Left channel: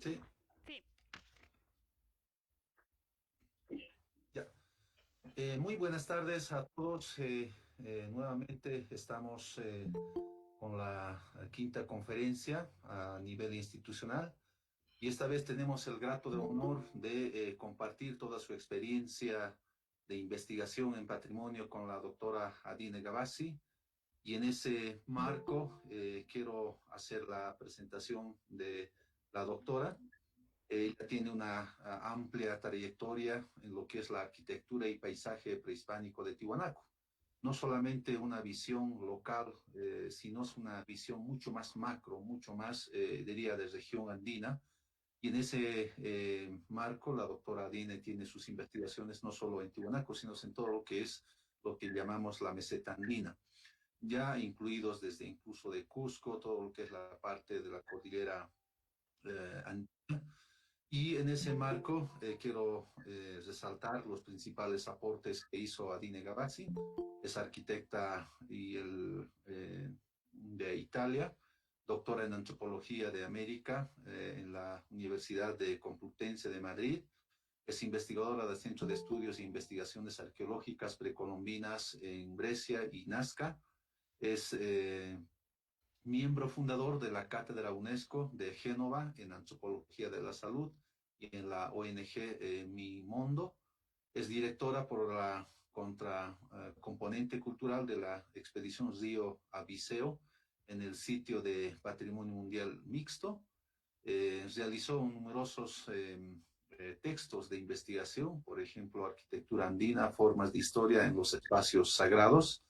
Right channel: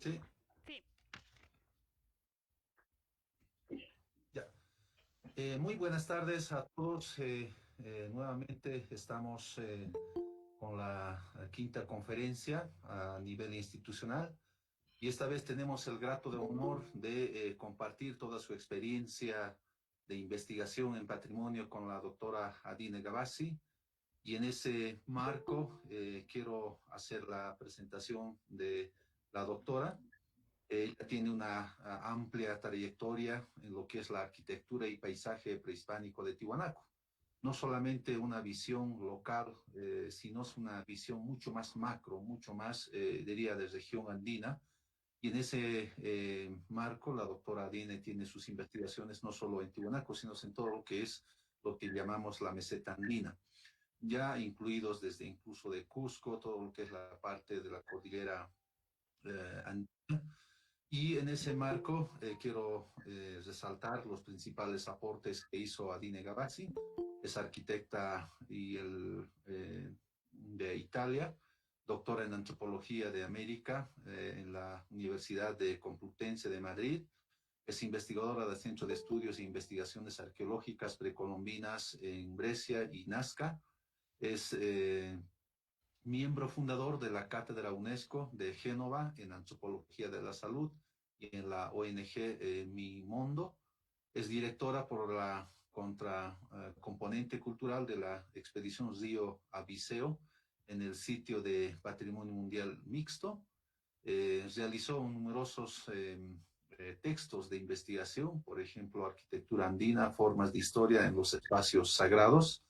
Sí, Sí, ya. Muy buenas tardes a todos. Nuevamente estamos con la quinta conferencia a nivel institucional y esta vez tenemos el grato de honor de compartir toda su experiencia de investigación en patrimonio con la doctora Adine Gavassi. Y en ese marco quiero hacer la presentación de la doctora. Ella tiene una amplia trayectoria en lo que es la arquitectura y paisaje prehispánico de Tiwanaku. No solamente una visión local, sino es una visión mucho más macro, mucho más, diría, de región andina. Y en ese marco, la doctora Adine tiene sus investigaciones no solo en Tiwanaku, sino en todo lo que es lo que llamamos la meseta andina, ya incluidos desde incluso de Cusco, todo lo que es la parte de la cordillera andina. Y en ese marco quiero resaltar los principales aportes que hizo Adine Gavazzi, es arquitecta de Italia, doctora en antropología de América en la Universidad de Complutense de Madrid, es investigadora del Centro de Estudios e Investigaciones Arqueológicas Precolombinas en Brescia y Nazca, es miembro fundador de la Cátedra UNESCO de Génova en Antropología de la Salud y en la ONG Mi Mundo. Es directora por la componente cultural de la expedición Río Abiseo en el sitio de Patrimonio Mundial Mixto. Realizó numerosos textos de investigación, por ejemplo, arquitectura andina, formas de historia en los espacios sagrados,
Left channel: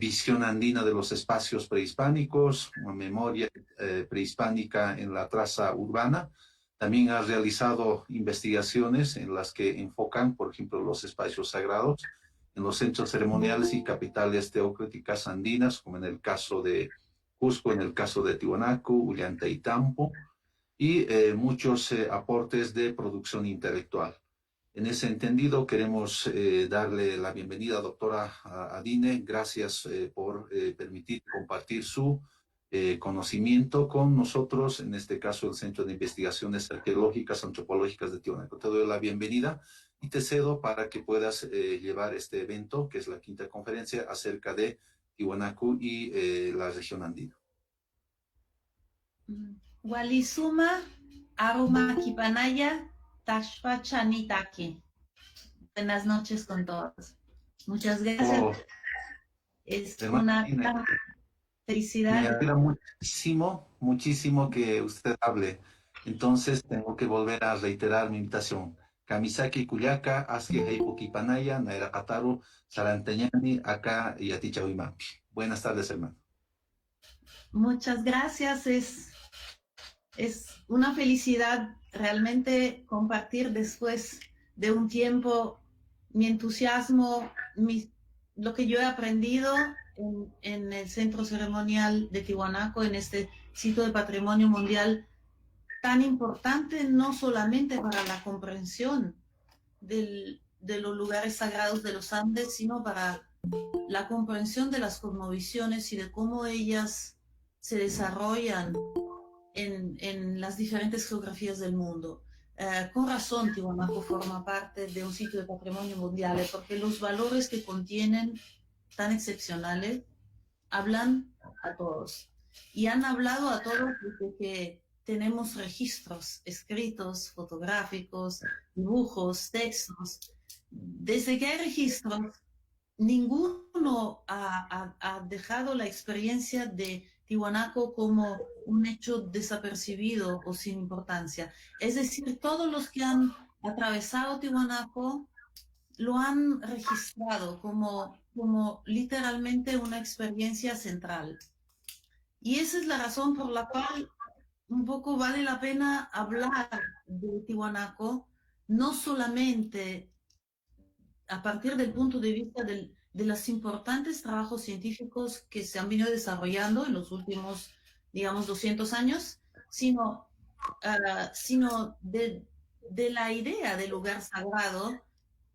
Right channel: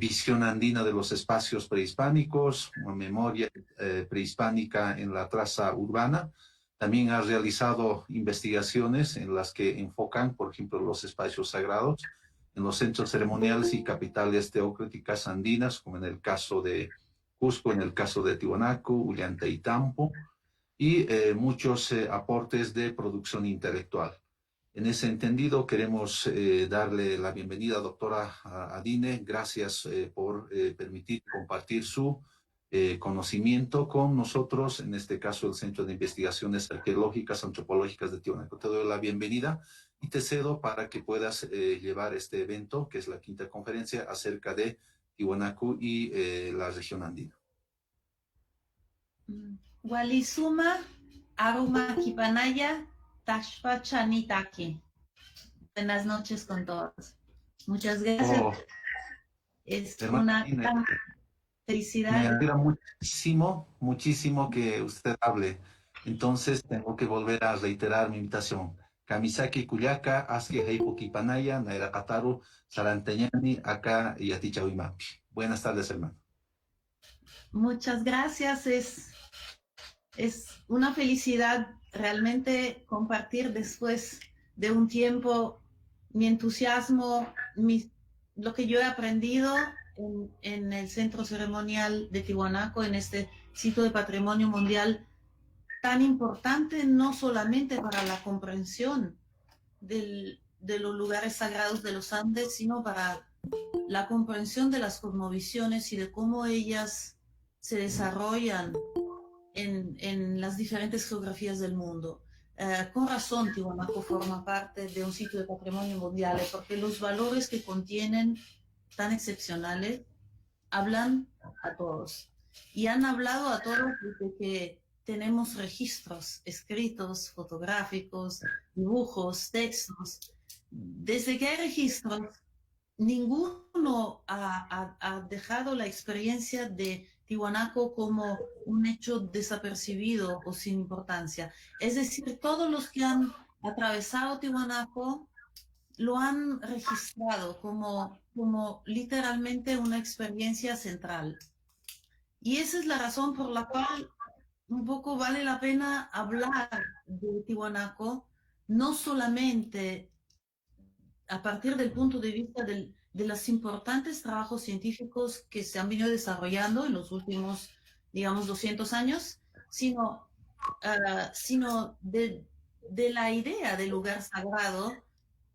visión andina de los espacios prehispánicos, memoria prehispánica en la traza urbana. También ha realizado investigaciones en las que enfocan, por ejemplo, los espacios sagrados en los centros ceremoniales y capitales teocráticas andinas, como en el caso de Cusco, en el caso de Tiwanaku, Ollantaytambo, y muchos aportes de producción intelectual. En ese entendido, queremos darle la bienvenida, doctora Adine. Gracias por permitir compartir su conocimiento con nosotros, en este caso el Centro de Investigaciones Arqueológicas, Antropológicas de Tiwanaku. Te doy la bienvenida y te cedo para que puedas llevar este evento, que es la quinta conferencia acerca de Tiwanaku y la región andina. Walisuma Aruma Kipanaya Tashpa Chanitaki. Buenas noches con todos. Muchas gracias. Oh, Es hermana una Adine, gran me felicidad. alegra muchísimo, muchísimo que usted hable. Entonces tengo que volver a reiterar mi invitación. Kamisaki Kuyaka, Aski Heipuki Panaya, Naira Kataru, Saranteñani, acá y Atichahuimapi. Buenas tardes, hermano. Muchas gracias. Es una felicidad realmente compartir después de un tiempo mi entusiasmo, lo que yo he aprendido en el Centro Ceremonial de Tiwanaku, en este sitio de Patrimonio Mundial tan importante no solamente para la comprensión de los lugares sagrados de los Andes, sino para la comprensión de las cosmovisiones y de cómo ellas se desarrollan en las diferentes geografías del mundo. Con razón, Tiwanaku forma parte de un sitio de patrimonio mundial, porque los valores que contienen tan excepcionales hablan a todos. Y han hablado a todos desde que tenemos registros escritos, fotográficos, dibujos, textos. Desde que hay registros, ninguno ha dejado la experiencia de Tiwanaku como un hecho desapercibido o sin importancia. Es decir, todos los que han atravesado Tiwanaku lo han registrado como literalmente una experiencia central. Y esa es la razón por la cual un poco vale la pena hablar de Tiwanaku, no solamente a partir del punto de vista de los importantes trabajos científicos que se han venido desarrollando en los últimos, digamos, 200 años, sino de la idea del lugar sagrado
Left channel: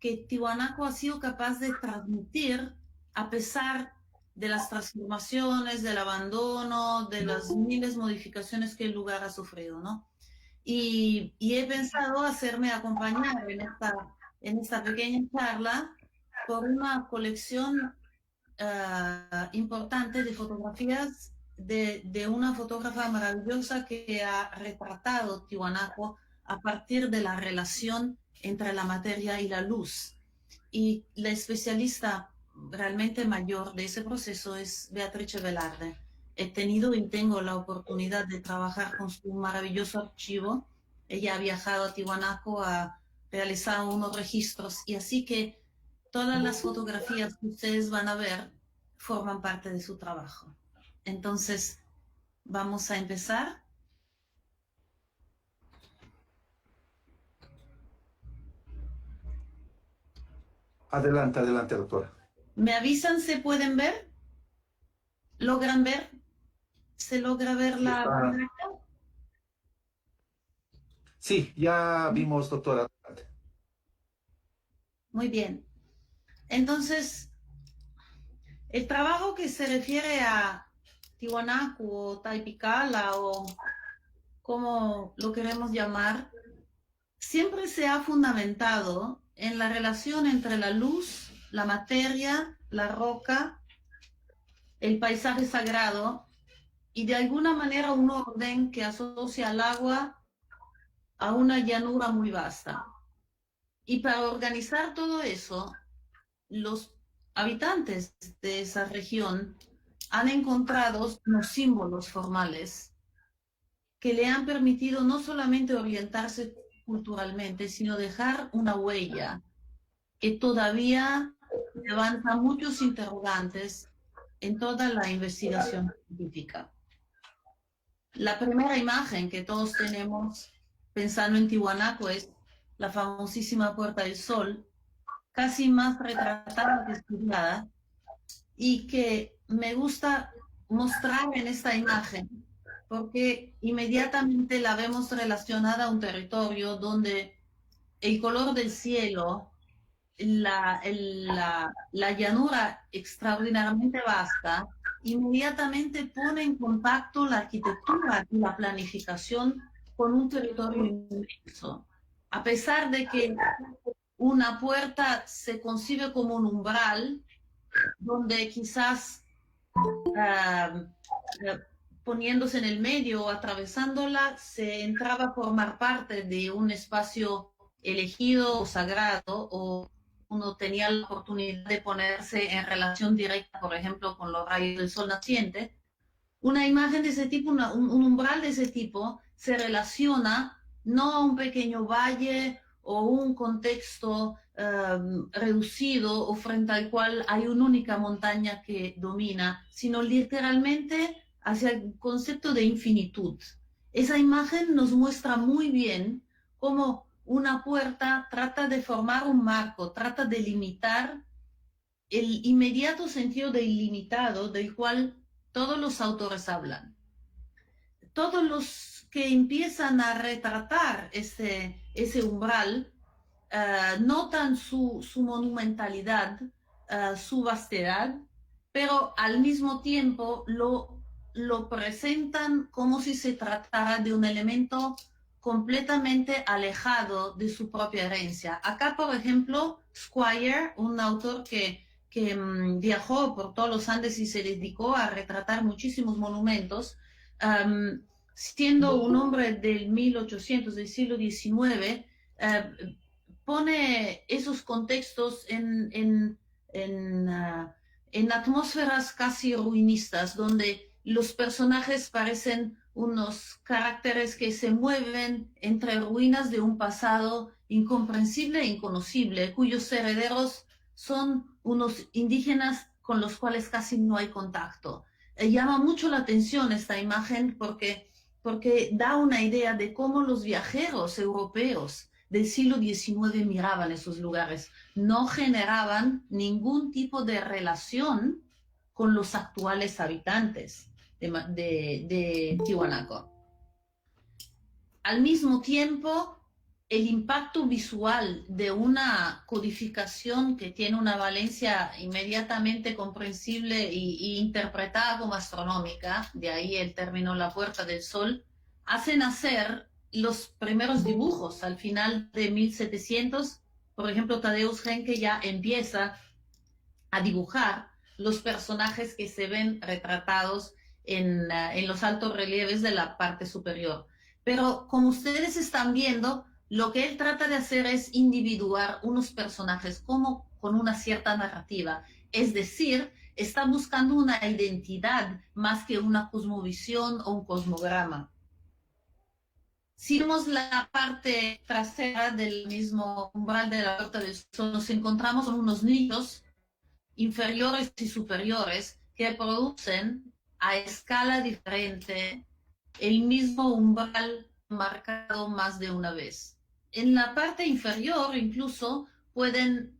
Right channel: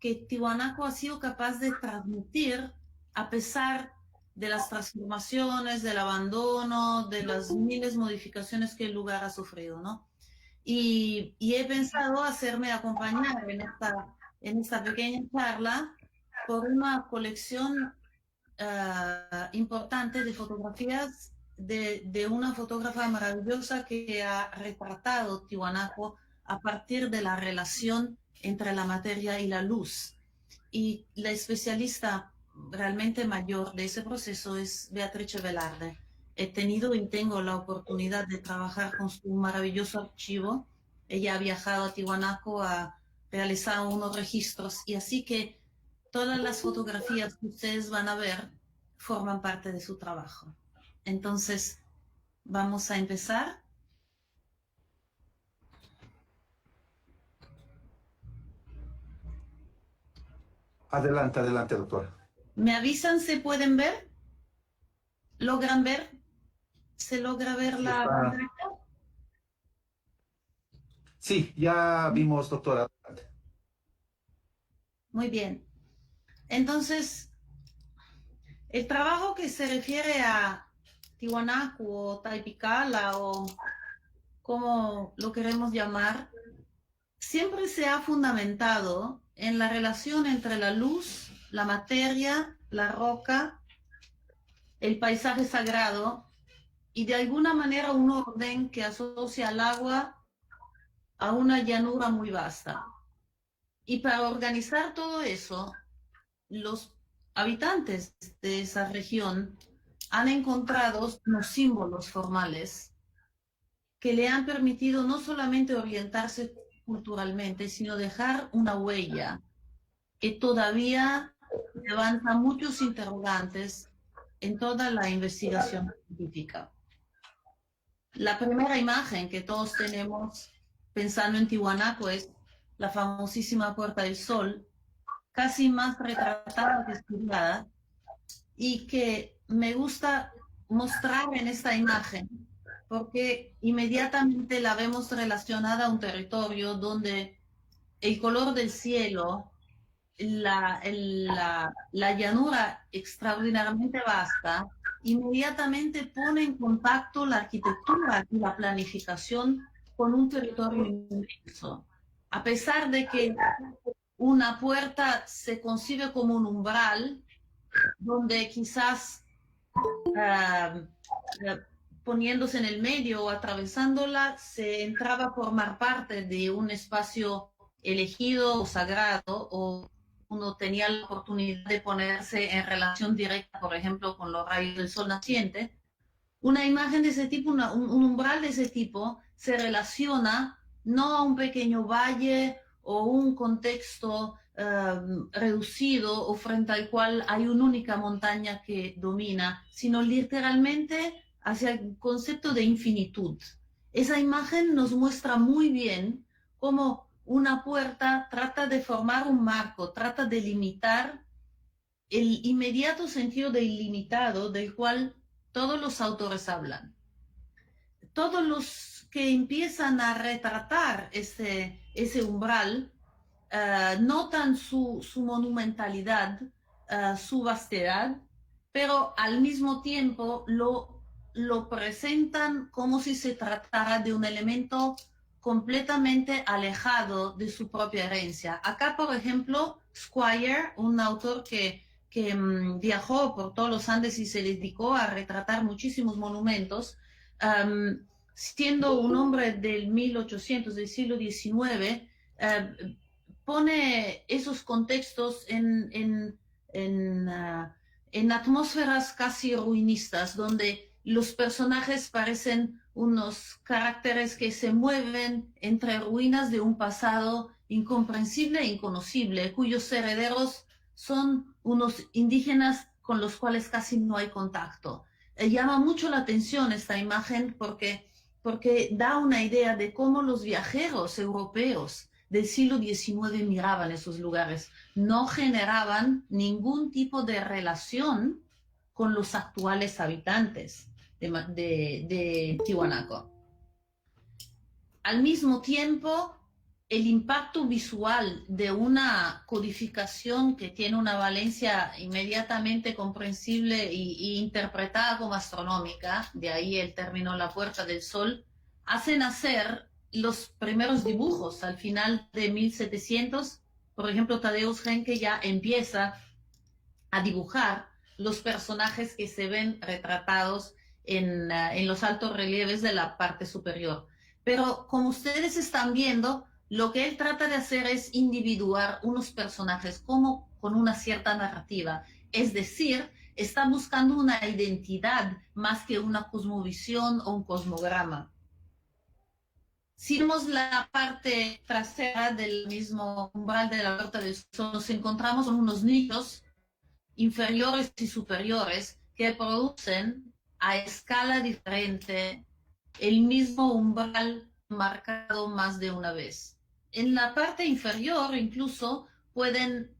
que Tiwanaku ha sido capaz de transmitir a pesar de las transformaciones, del abandono, de las miles de modificaciones que el lugar ha sufrido, ¿no? y he pensado hacerme acompañar en esta pequeña charla por una colección importante de fotografías de una fotógrafa maravillosa que ha retratado Tiwanaku a partir de la relación entre la materia y la luz. Y la especialista realmente mayor de ese proceso es Beatrice Velarde. He tenido y tengo la oportunidad de trabajar con su maravilloso archivo. Ella ha viajado a Tiwanaku, ha realizado unos registros y así que todas las fotografías que ustedes van a ver forman parte de su trabajo. Entonces, vamos a empezar. Adelante, adelante, doctora. ¿Me avisan? ¿Se pueden ver? ¿Logran ver? ¿Se logra ver Sí, la está. pantalla? Sí, ya vimos, doctora. Muy bien. Entonces, el trabajo que se refiere a Tiwanaku o Taipicala o como lo queremos llamar, siempre se ha fundamentado en la relación entre la luz, la materia, la roca, el paisaje sagrado y de alguna manera un orden que asocia al agua a una llanura muy vasta. Y para organizar todo eso, los habitantes de esa región han encontrado los símbolos formales que le han permitido no solamente orientarse culturalmente, sino dejar una huella que todavía levanta muchos interrogantes en toda la investigación científica. La primera imagen que todos tenemos pensando en Tiwanaku es la famosísima Puerta del Sol, casi más retratada que estudiada, y que me gusta mostrar en esta imagen, porque inmediatamente la vemos relacionada a un territorio donde el color del cielo, la llanura extraordinariamente vasta, inmediatamente pone en contacto la arquitectura y la planificación con un territorio inmenso. A pesar de que una puerta se concibe como un umbral, donde quizás uh, poniéndose en el medio o atravesándola, se entraba a formar parte de un espacio elegido o sagrado, o uno tenía la oportunidad de ponerse en relación directa, por ejemplo, con los rayos del sol naciente. Una imagen de ese tipo, un umbral de ese tipo, se relaciona no a un pequeño valle o un contexto reducido o frente al cual hay una única montaña que domina, sino literalmente hacia el concepto de infinitud. Esa imagen nos muestra muy bien cómo una puerta trata de formar un marco, trata de limitar el inmediato sentido de ilimitado del cual todos los autores hablan. Todos los que empiezan a retratar ese umbral notan su monumentalidad, su vastedad, pero al mismo tiempo lo presentan como si se tratara de un elemento completamente alejado de su propia herencia. Acá, por ejemplo, Squire, un autor que viajó por todos los Andes y se dedicó a retratar muchísimos monumentos, siendo un hombre del 1800, del siglo XIX, pone esos contextos en atmósferas casi ruinistas, donde los personajes parecen unos caracteres que se mueven entre ruinas de un pasado incomprensible e inconocible, cuyos herederos son unos indígenas con los cuales casi no hay contacto. Llama mucho la atención esta imagen porque da una idea de cómo los viajeros europeos del siglo XIX miraban esos lugares. No generaban ningún tipo de relación con los actuales habitantes de Tiwanaku. Al mismo tiempo, el impacto visual de una codificación que tiene una valencia inmediatamente comprensible e interpretada como astronómica, de ahí el término la Puerta del Sol, hace nacer los primeros dibujos al final de 1700. Por ejemplo, Tadeusz Henke ya empieza a dibujar los personajes que se ven retratados en los altos relieves de la parte superior. Pero como ustedes están viendo, lo que él trata de hacer es individuar unos personajes como con una cierta narrativa. Es decir, está buscando una identidad más que una cosmovisión o un cosmograma. Si vemos la parte trasera del mismo umbral de la Puerta del Sol, nos encontramos con unos nichos inferiores y superiores que producen a escala diferente el mismo umbral marcado más de una vez. En la parte inferior incluso pueden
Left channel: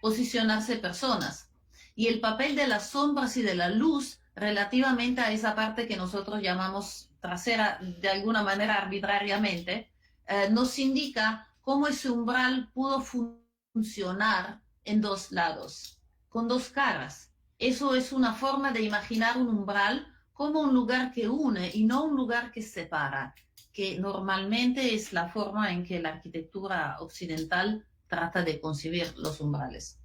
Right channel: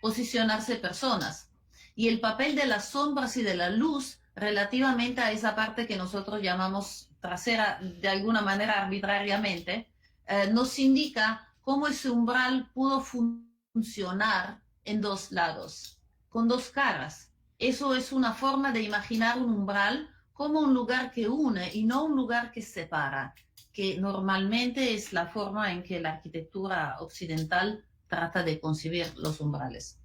posicionarse personas, y el papel de las sombras y de la luz relativamente a esa parte que nosotros llamamos trasera de alguna manera arbitrariamente, nos indica cómo ese umbral pudo funcionar en dos lados, con dos caras. Eso es una forma de imaginar un umbral como un lugar que une y no un lugar que separa, que normalmente es la forma en que la arquitectura occidental trata de concebir los umbrales.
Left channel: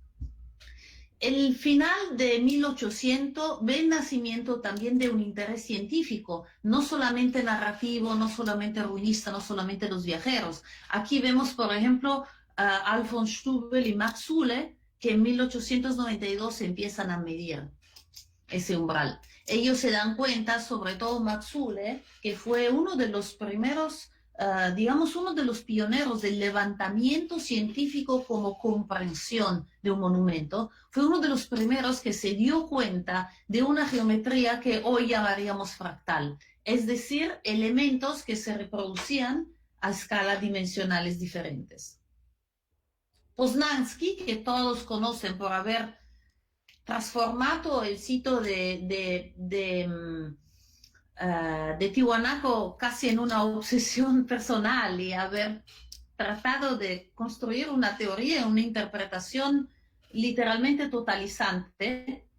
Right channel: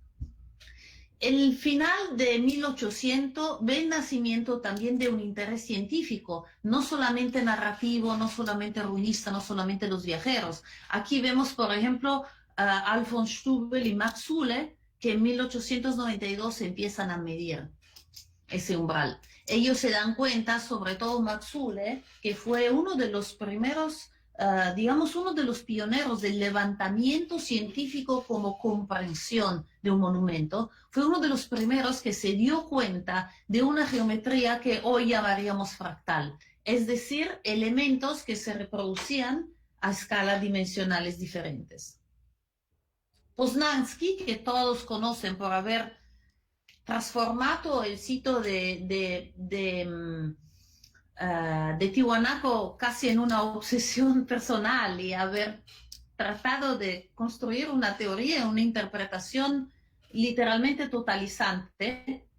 El final de 1800 ve el nacimiento también de un interés científico, no solamente narrativo, no solamente ruinista, no solamente los viajeros. Aquí vemos, por ejemplo, Alfons Stubel y Max Zülle, que en 1892 empiezan a medir ese umbral. Ellos se dan cuenta, sobre todo Max Zülle, que fue uno de los primeros, digamos, uno de los pioneros del levantamiento científico como comprensión de un monumento. Fue uno de los primeros que se dio cuenta de una geometría que hoy llamaríamos fractal, es decir, elementos que se reproducían a escalas dimensionales diferentes. Poznański, que todos conocen por haber transformado el sitio de Tiwanaku casi en una obsesión personal y haber tratado de construir una teoría, una interpretación literalmente totalizante,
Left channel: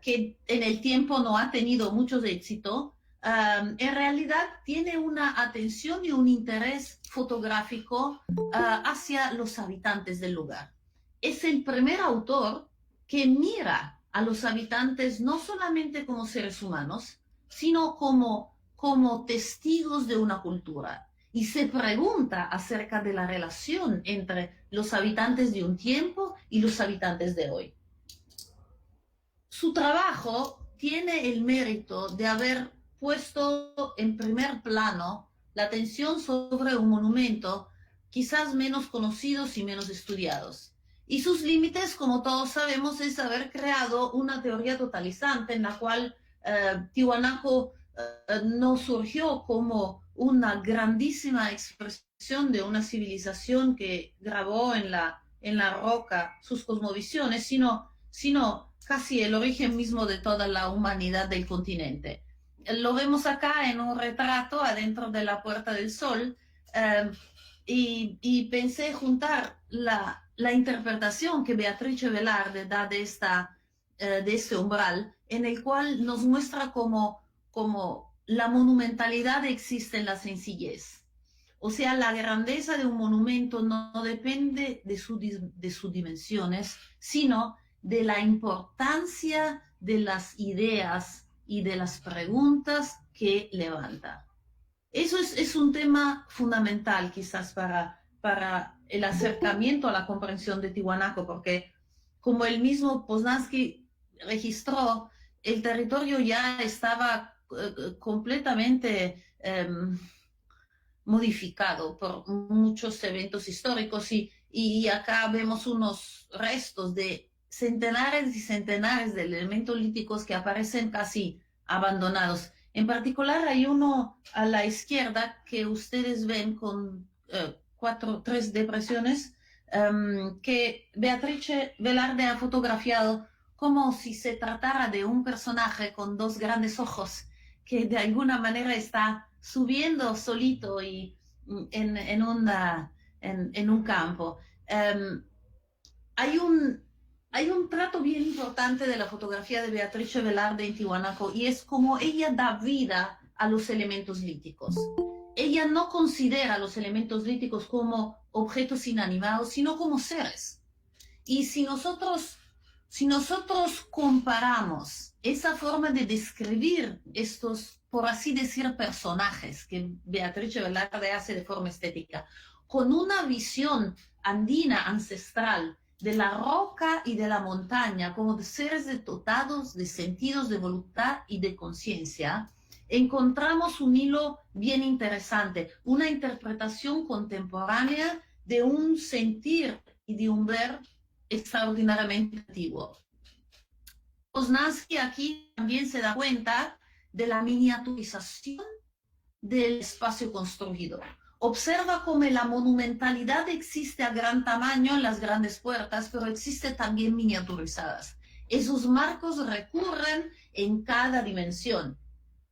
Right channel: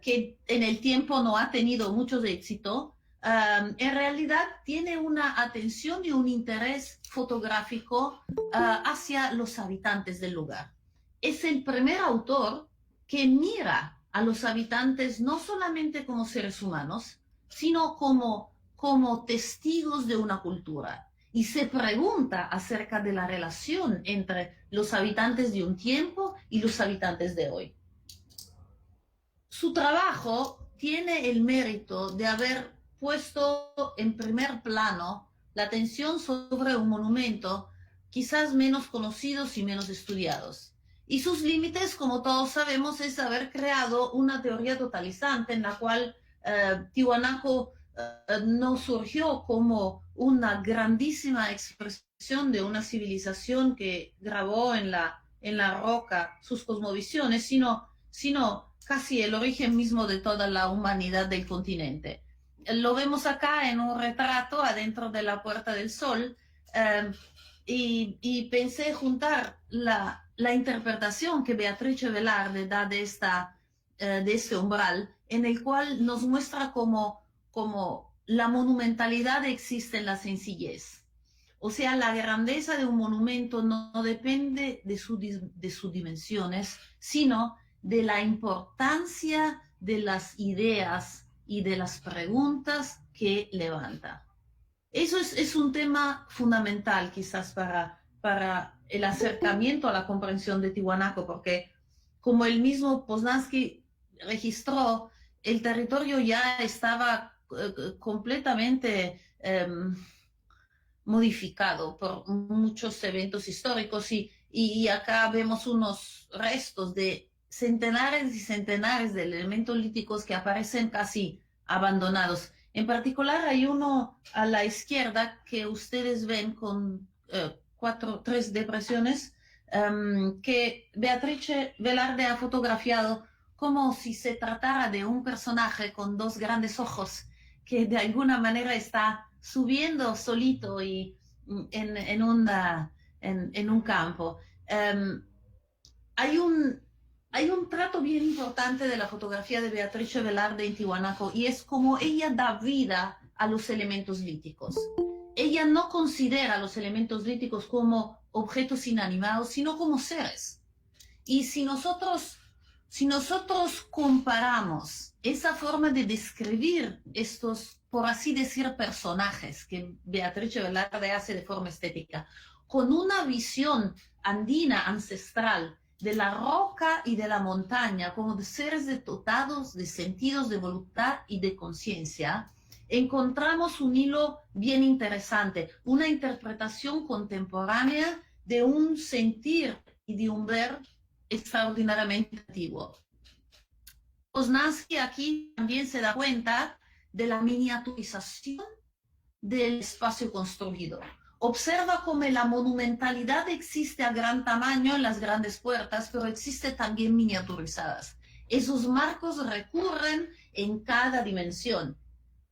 que en el tiempo no ha tenido mucho éxito, en realidad tiene una atención y un interés fotográfico hacia los habitantes del lugar. Es el primer autor que mira a los habitantes no solamente como seres humanos, sino como testigos de una cultura, y se pregunta acerca de la relación entre los habitantes de un tiempo y los habitantes de hoy. Su trabajo tiene el mérito de haber puesto en primer plano la atención sobre un monumento quizás menos conocidos y menos estudiados. Y sus límites, como todos sabemos, es haber creado una teoría totalizante en la cual Tiwanaku no surgió como una grandísima expresión de una civilización que grabó en la roca sus cosmovisiones, sino casi el origen mismo de toda la humanidad del continente. Lo vemos acá en un retrato adentro de la Puerta del Sol, y pensé juntar la interpretación que Beatrice Velarde da de este umbral, en el cual nos muestra como la monumentalidad existe en la sencillez. O sea, la grandeza de un monumento no depende de sus dimensiones, sino de la importancia de las ideas y de las preguntas que levanta. Eso es un tema fundamental quizás para el acercamiento a la comprensión de Tiwanaku, porque como el mismo Poznański registró, el territorio ya estaba completamente modificado por muchos eventos históricos, y acá vemos unos restos de centenares y centenares de elementos líticos que aparecen casi abandonados. En particular hay uno a la izquierda que ustedes ven con tres depresiones, que Beatrice Velarde ha fotografiado como si se tratara de un personaje con dos grandes ojos que de alguna manera está subiendo solito y en un campo. Hay un trato bien importante de la fotografía de Beatrice Velarde en Tiwanaku, y es como ella da vida a los elementos líticos. Ella no considera los elementos líticos como objetos inanimados, sino como seres. Y si nosotros comparamos esa forma de describir estos, por así decir, personajes que Beatrice Velarde hace de forma estética, con una visión andina ancestral de la roca y de la montaña como de seres dotados de sentidos de voluntad y de conciencia, encontramos un hilo bien interesante, una interpretación contemporánea de un sentir y de un ver extraordinariamente antiguo. Poznański aquí también se da cuenta de la miniaturización del espacio construido. Observa cómo la monumentalidad existe a gran tamaño en las grandes puertas, pero existe también miniaturizadas. Esos marcos recurren en cada dimensión.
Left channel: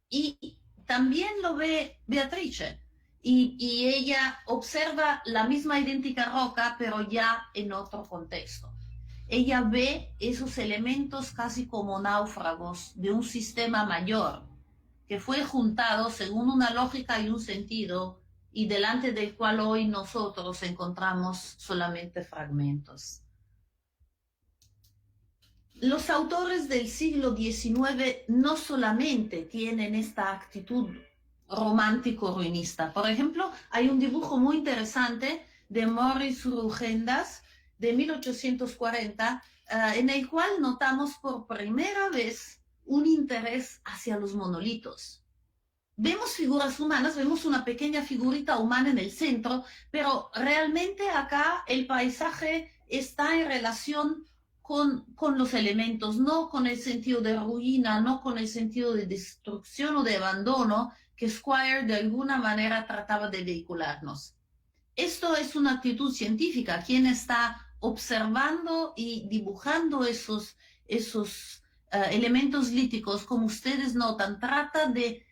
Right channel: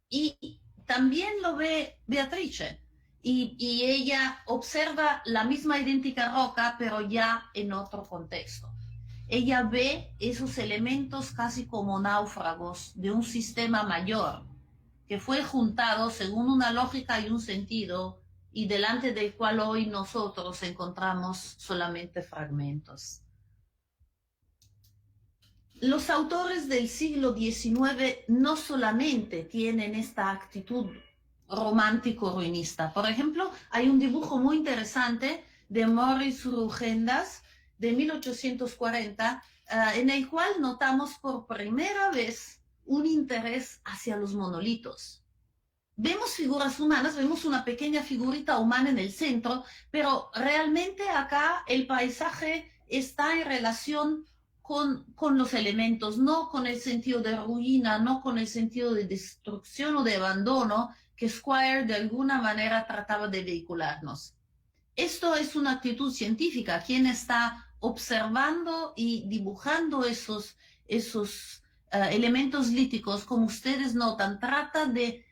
Y también lo ve Beatrice. Y ella observa la misma idéntica roca, pero ya en otro contexto. Ella ve esos elementos casi como náufragos de un sistema mayor, que fue juntado según una lógica y un sentido, y delante del cual hoy nosotros encontramos solamente fragmentos. Los autores del siglo XIX no solamente tienen esta actitud romántico-ruinista. Por ejemplo, hay un dibujo muy interesante de Maurice Rugendas de 1840, en el cual notamos por primera vez un interés hacia los monolitos. Vemos figuras humanas, vemos una pequeña figurita humana en el centro, pero realmente acá el paisaje está en relación con los elementos, no con el sentido de ruina, no con el sentido de destrucción o de abandono que Squire de alguna manera trataba de vehicularnos. Esto es una actitud científica. Quien está observando y dibujando esos elementos líticos, como ustedes notan, trata de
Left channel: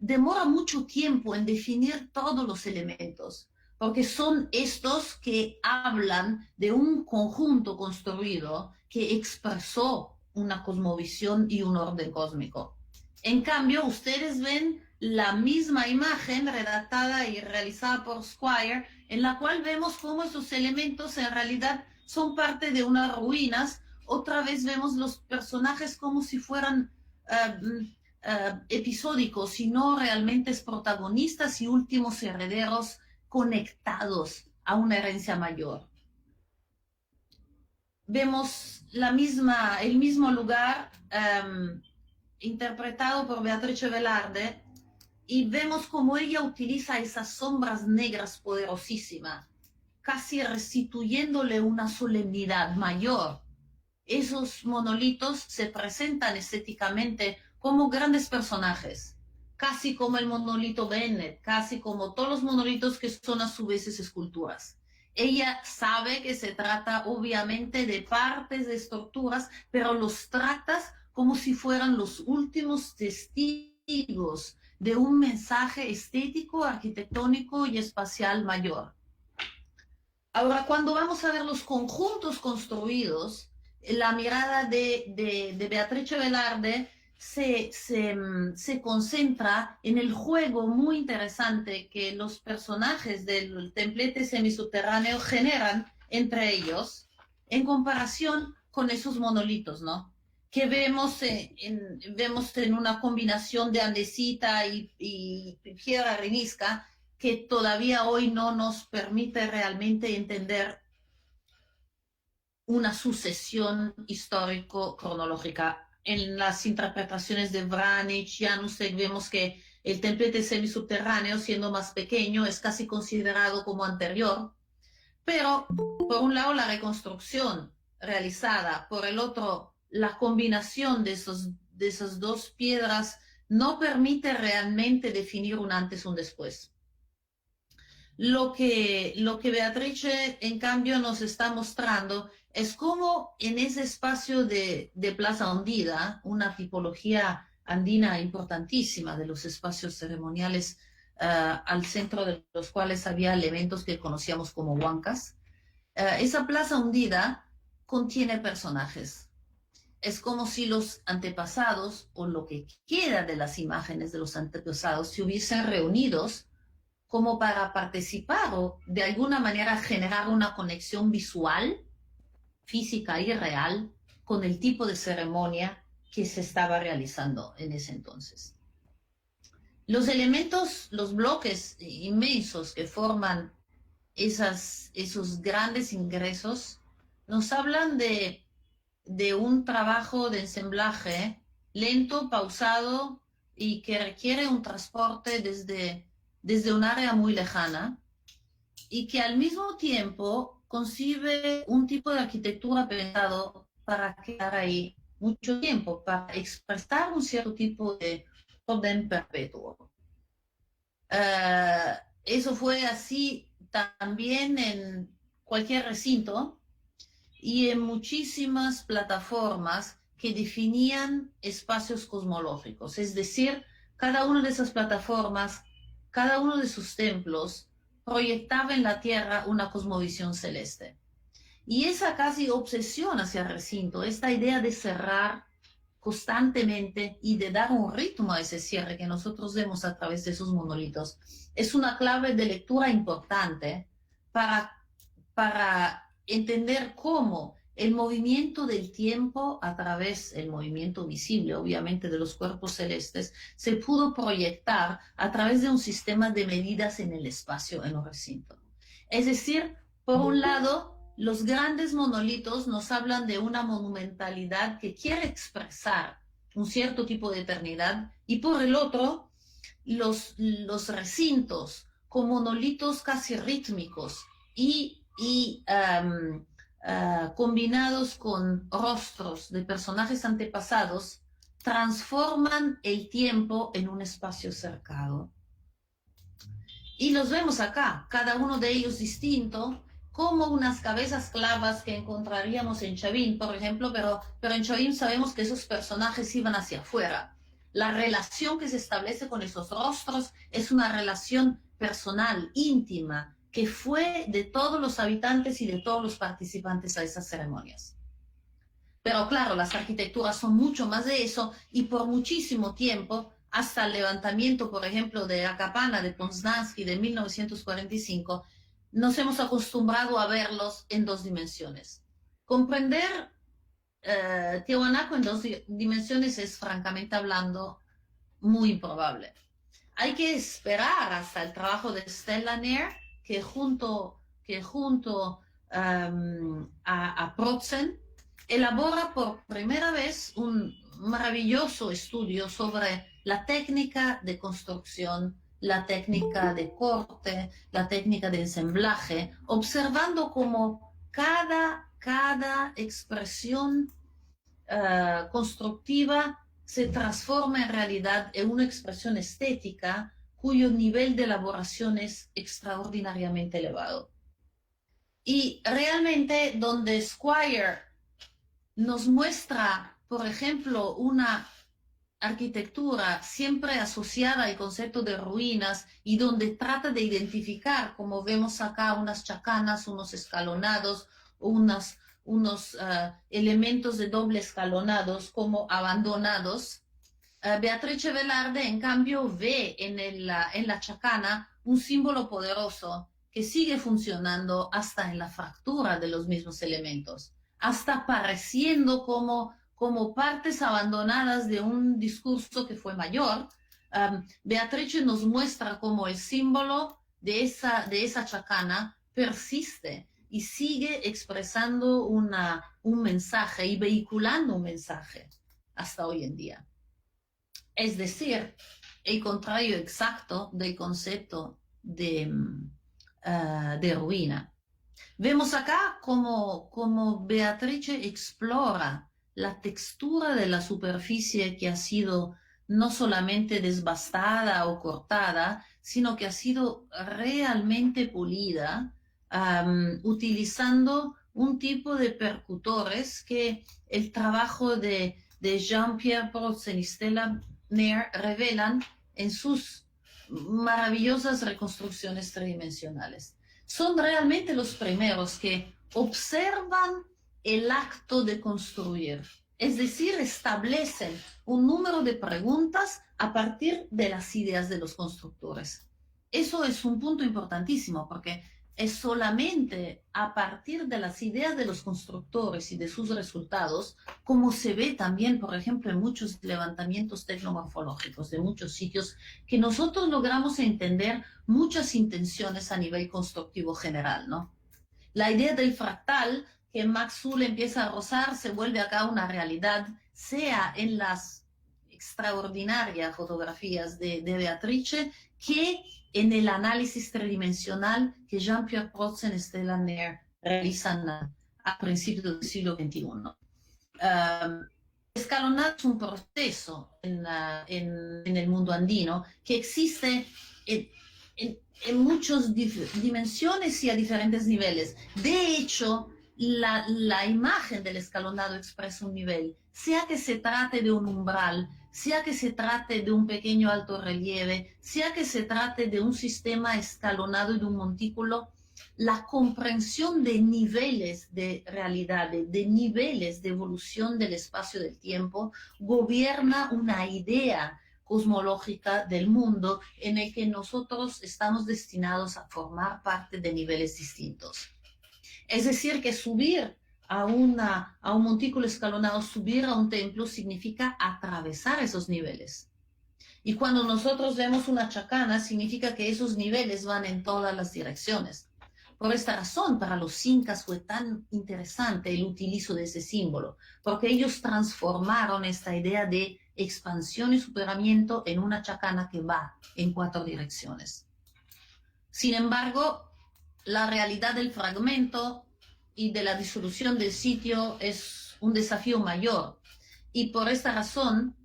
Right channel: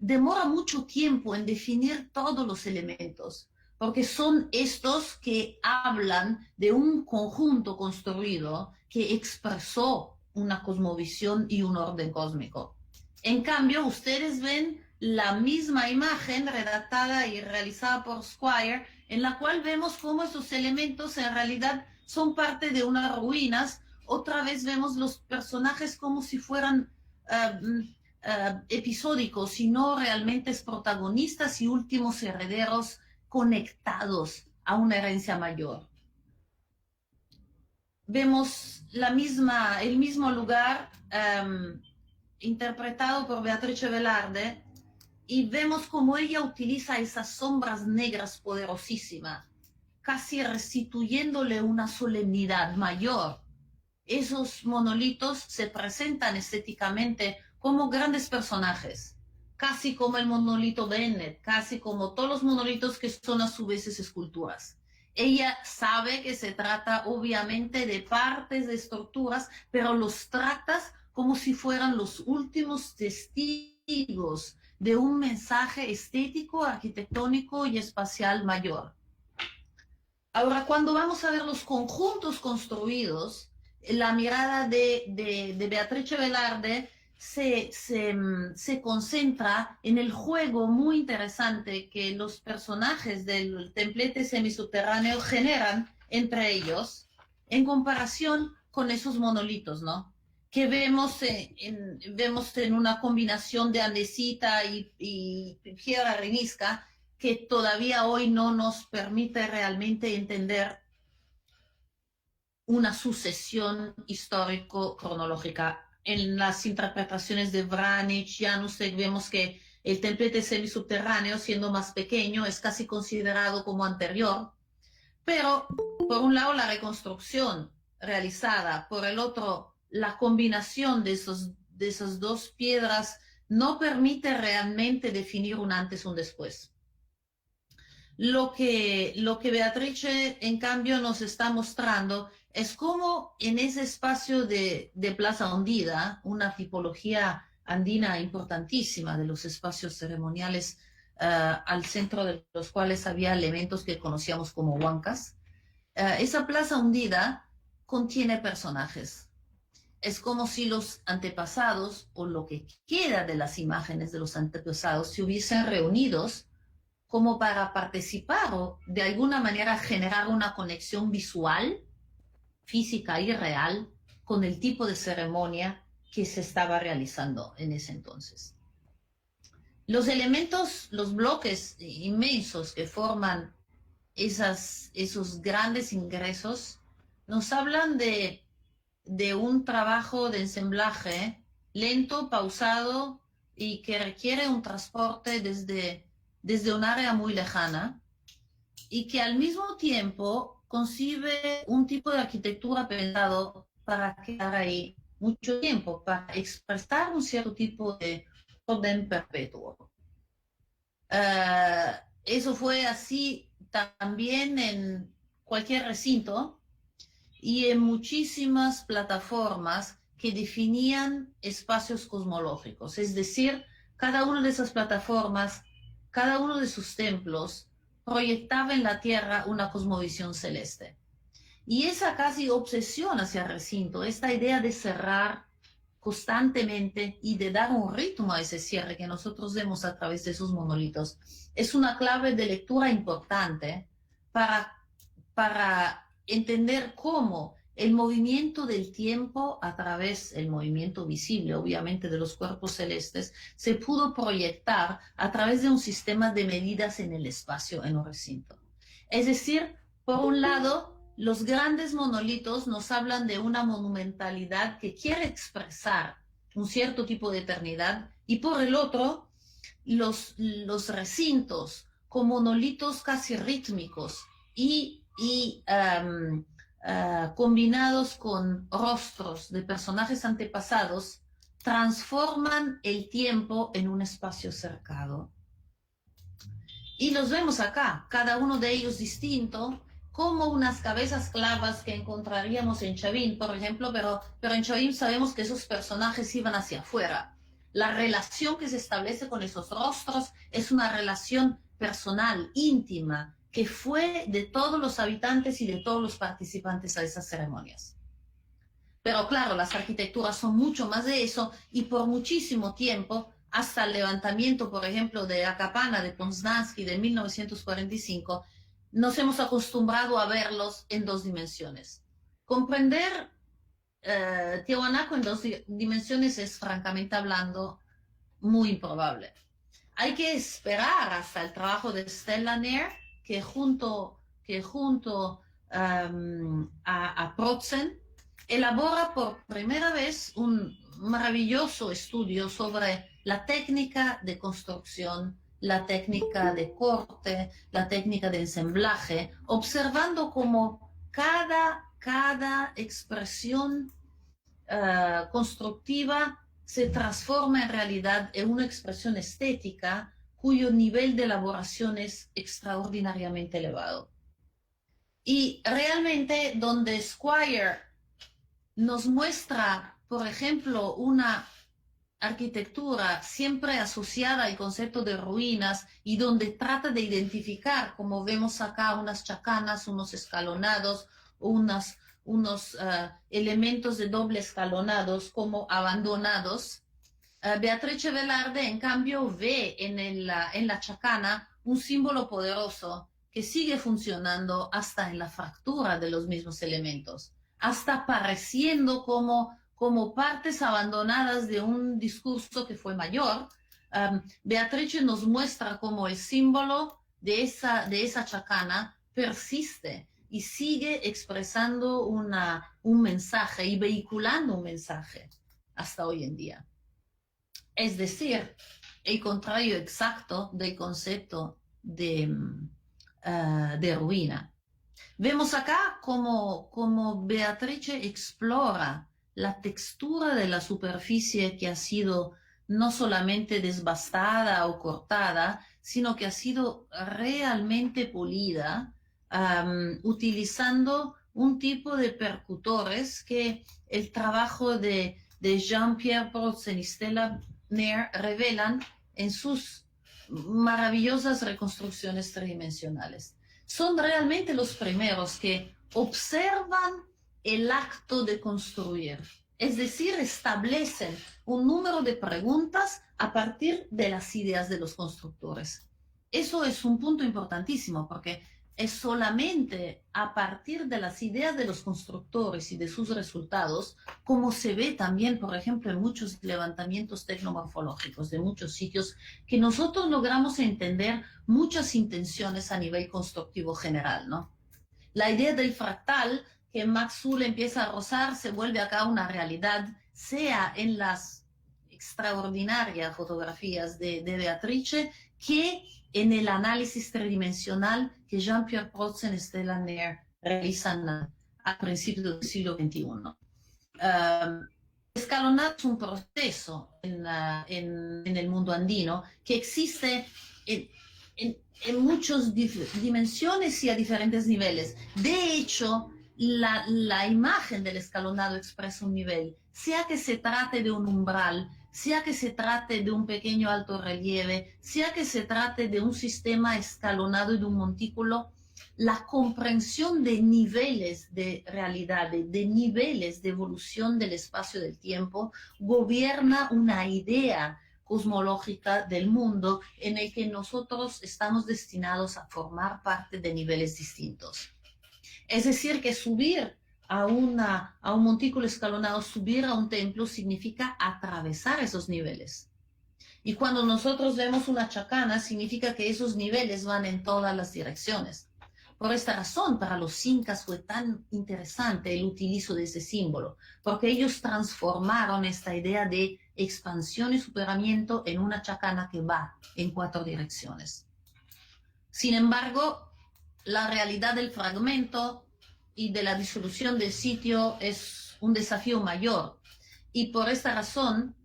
demora mucho tiempo en definir todos los elementos, porque son estos que hablan de un conjunto construido que expresó una cosmovisión y un orden cósmico. En cambio, ustedes ven la misma imagen redactada y realizada por Squire, en la cual vemos cómo esos elementos en realidad son parte de unas ruinas. Otra vez vemos los personajes como si fueran episódicos, sino realmente protagonistas y últimos herederos conectados a una herencia mayor. Vemos el mismo lugar interpretado por Beatrice Velarde, y vemos cómo ella utiliza esas sombras negras poderosísimas, casi restituyéndole una solemnidad mayor. Esos monolitos se presentan estéticamente como grandes personajes, casi como el monolito Bennett, casi como todos los monolitos que son a su vez esculturas. Ella sabe que se trata obviamente de partes de estructuras, pero los tratas como si fueran los últimos testigos de un mensaje estético, arquitectónico y espacial mayor. Ahora, cuando vamos a ver los conjuntos construidos, la mirada de Beatrice Velarde se concentra en el juego muy interesante que los personajes del templete semisubterráneo generan entre ellos en comparación con esos monolitos, ¿no? Que vemos en una combinación de andesita y piedra arenisca que todavía hoy no nos permite realmente entender una sucesión histórico-cronológica. En las interpretaciones de Vranic, Janusek, vemos que el templete semisubterráneo, siendo más pequeño, es casi considerado como anterior, pero por un lado la reconstrucción realizada, por el otro la combinación de esas dos piedras no permite realmente definir un antes y un después. Lo que Beatrice, en cambio, nos está mostrando es cómo en ese espacio de Plaza Hundida, una tipología andina importantísima de los espacios ceremoniales, al centro de los cuales había elementos que conocíamos como huancas, esa Plaza Hundida contiene personajes. es como si los antepasados, o lo que queda de las imágenes de los antepasados, se hubiesen reunidos como para participar o de alguna manera generar una conexión visual, física y real con el tipo de ceremonia que se estaba realizando en ese entonces. Los elementos, los bloques inmensos que forman esos grandes ingresos nos hablan de un trabajo de ensamblaje lento, pausado y que requiere un transporte desde un área muy lejana y que al mismo tiempo concibe un tipo de arquitectura pensado para quedar ahí mucho tiempo, para expresar un cierto tipo de orden perpetuo. Eso fue así también en cualquier recinto y en muchísimas plataformas que definían espacios cosmológicos. Es decir, cada una de esas plataformas, cada uno de sus templos, proyectaba en la Tierra una cosmovisión celeste. Y esa casi obsesión hacia el recinto, esta idea de cerrar constantemente y de dar un ritmo a ese cierre que nosotros vemos a través de esos monolitos, es una clave de lectura importante para entender cómo el movimiento del tiempo a través del movimiento visible, obviamente, de los cuerpos celestes, se pudo proyectar a través de un sistema de medidas en el espacio, en un recinto. Es decir, por un lado, los grandes monolitos nos hablan de una monumentalidad que quiere expresar un cierto tipo de eternidad, y por el otro, los recintos con monolitos casi rítmicos y combinados con rostros de personajes antepasados, transforman el tiempo en un espacio cercado. Y los vemos acá, cada uno de ellos distinto, como unas cabezas clavas que encontraríamos en Chavin, por ejemplo, pero en Chavin sabemos que esos personajes iban hacia afuera. La relación que se establece con esos rostros es una relación personal, íntima, que fue de todos los habitantes y de todos los participantes a esas ceremonias. Pero claro, las arquitecturas son mucho más de eso, y por muchísimo tiempo, hasta el levantamiento, por ejemplo, de Akapana, de Poznański, de 1945, nos hemos acostumbrado a verlos en dos dimensiones. Comprender Tiahuanaco en dos dimensiones es, francamente hablando, muy improbable. Hay que esperar hasta el trabajo de Stella Nair, que junto a Protzen elabora por primera vez un maravilloso estudio sobre la técnica de construcción, la técnica de corte, la técnica de ensamblaje, observando cómo cada expresión constructiva se transforma en realidad en una expresión estética cuyo nivel de elaboración es extraordinariamente elevado. Y realmente donde Squire nos muestra, por ejemplo, una arquitectura siempre asociada al concepto de ruinas y donde trata de identificar, como vemos acá, unas chacanas, unos escalonados, unos elementos de doble escalonados como abandonados. Beatrice Velarde, en cambio, ve en la chacana un símbolo poderoso que sigue funcionando hasta en la fractura de los mismos elementos, hasta pareciendo como partes abandonadas de un discurso que fue mayor. Beatrice nos muestra cómo el símbolo de esa chacana persiste y sigue expresando un mensaje y vehiculando un mensaje hasta hoy en día. Es decir, el contrario exacto del concepto de ruina. Vemos acá como Beatrice explora la textura de la superficie que ha sido no solamente desbastada o cortada, sino que ha sido realmente pulida, utilizando un tipo de percutores que el trabajo de Jean-Pierre Protzen y Stella Nair revelan en sus maravillosas reconstrucciones tridimensionales. Son realmente los primeros que observan el acto de construir, Es decir, establecen un número de preguntas a partir de las ideas de los constructores. Eso es un punto importantísimo porque es solamente a partir de las ideas de los constructores y de sus resultados, como se ve también, por ejemplo, en muchos levantamientos tecnomorfológicos de muchos sitios, que nosotros logramos entender muchas intenciones a nivel constructivo general, ¿no? La idea del fractal que Max Zull empieza a rozar se vuelve acá una realidad, sea en las extraordinarias fotografías de Beatrice que en el análisis tridimensional que Jean-Pierre Protzen y Stella Nair realizan a principios del siglo XXI. Escalonado es un proceso en el mundo andino que existe en muchas dimensiones y a diferentes niveles. De hecho, la imagen del escalonado expresa un nivel, sea que se trate de un umbral, sea que se trate de un pequeño alto relieve, sea que se trate de un sistema escalonado y de un montículo, la comprensión de niveles de realidad, de niveles de evolución del espacio del tiempo, gobierna una idea cosmológica del mundo en el que nosotros estamos destinados a formar parte de niveles distintos. Es decir, que subir a un montículo escalonado, subir a un templo, significa atravesar esos niveles. Y cuando nosotros vemos una chacana, significa que esos niveles van en todas las direcciones. Por esta razón, para los incas fue tan interesante el utilizo de ese símbolo, porque ellos transformaron esta idea de expansión y superamiento en una chacana que va en 4 direcciones. Sin embargo, la realidad del fragmento y de la disolución del sitio es un desafío mayor. Y por esta razón,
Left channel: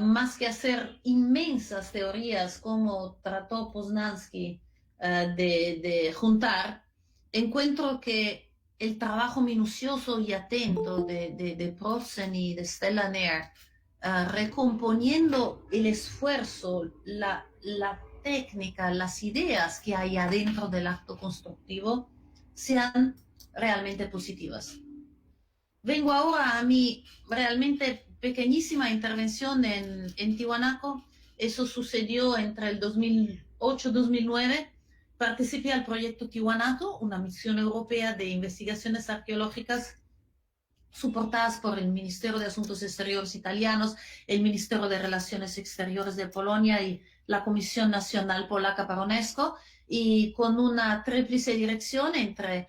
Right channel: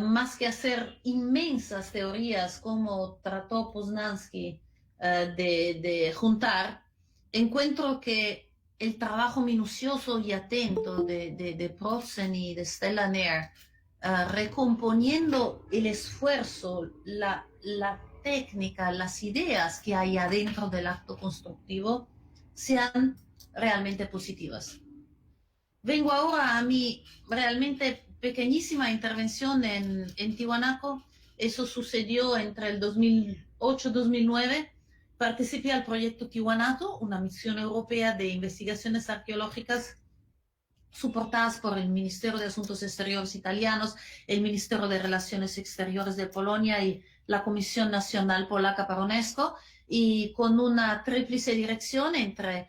más que hacer inmensas teorías como trató Poznansky de juntar, encuentro que el trabajo minucioso y atento de Protzen y de Stella Nair, recomponiendo el esfuerzo, la técnica, las ideas que hay adentro del acto constructivo, sean realmente positivas. Vengo ahora a mi realmente pequeñísima intervención en Tiwanaku. Eso sucedió entre el 2008 y 2009. Participé al proyecto Tiwanaku, una misión europea de investigaciones arqueológicas soportadas por el Ministerio de Asuntos Exteriores italianos, el Ministerio de Relaciones Exteriores de Polonia y la Comisión Nacional Polaca para UNESCO, y con una tríplice dirección entre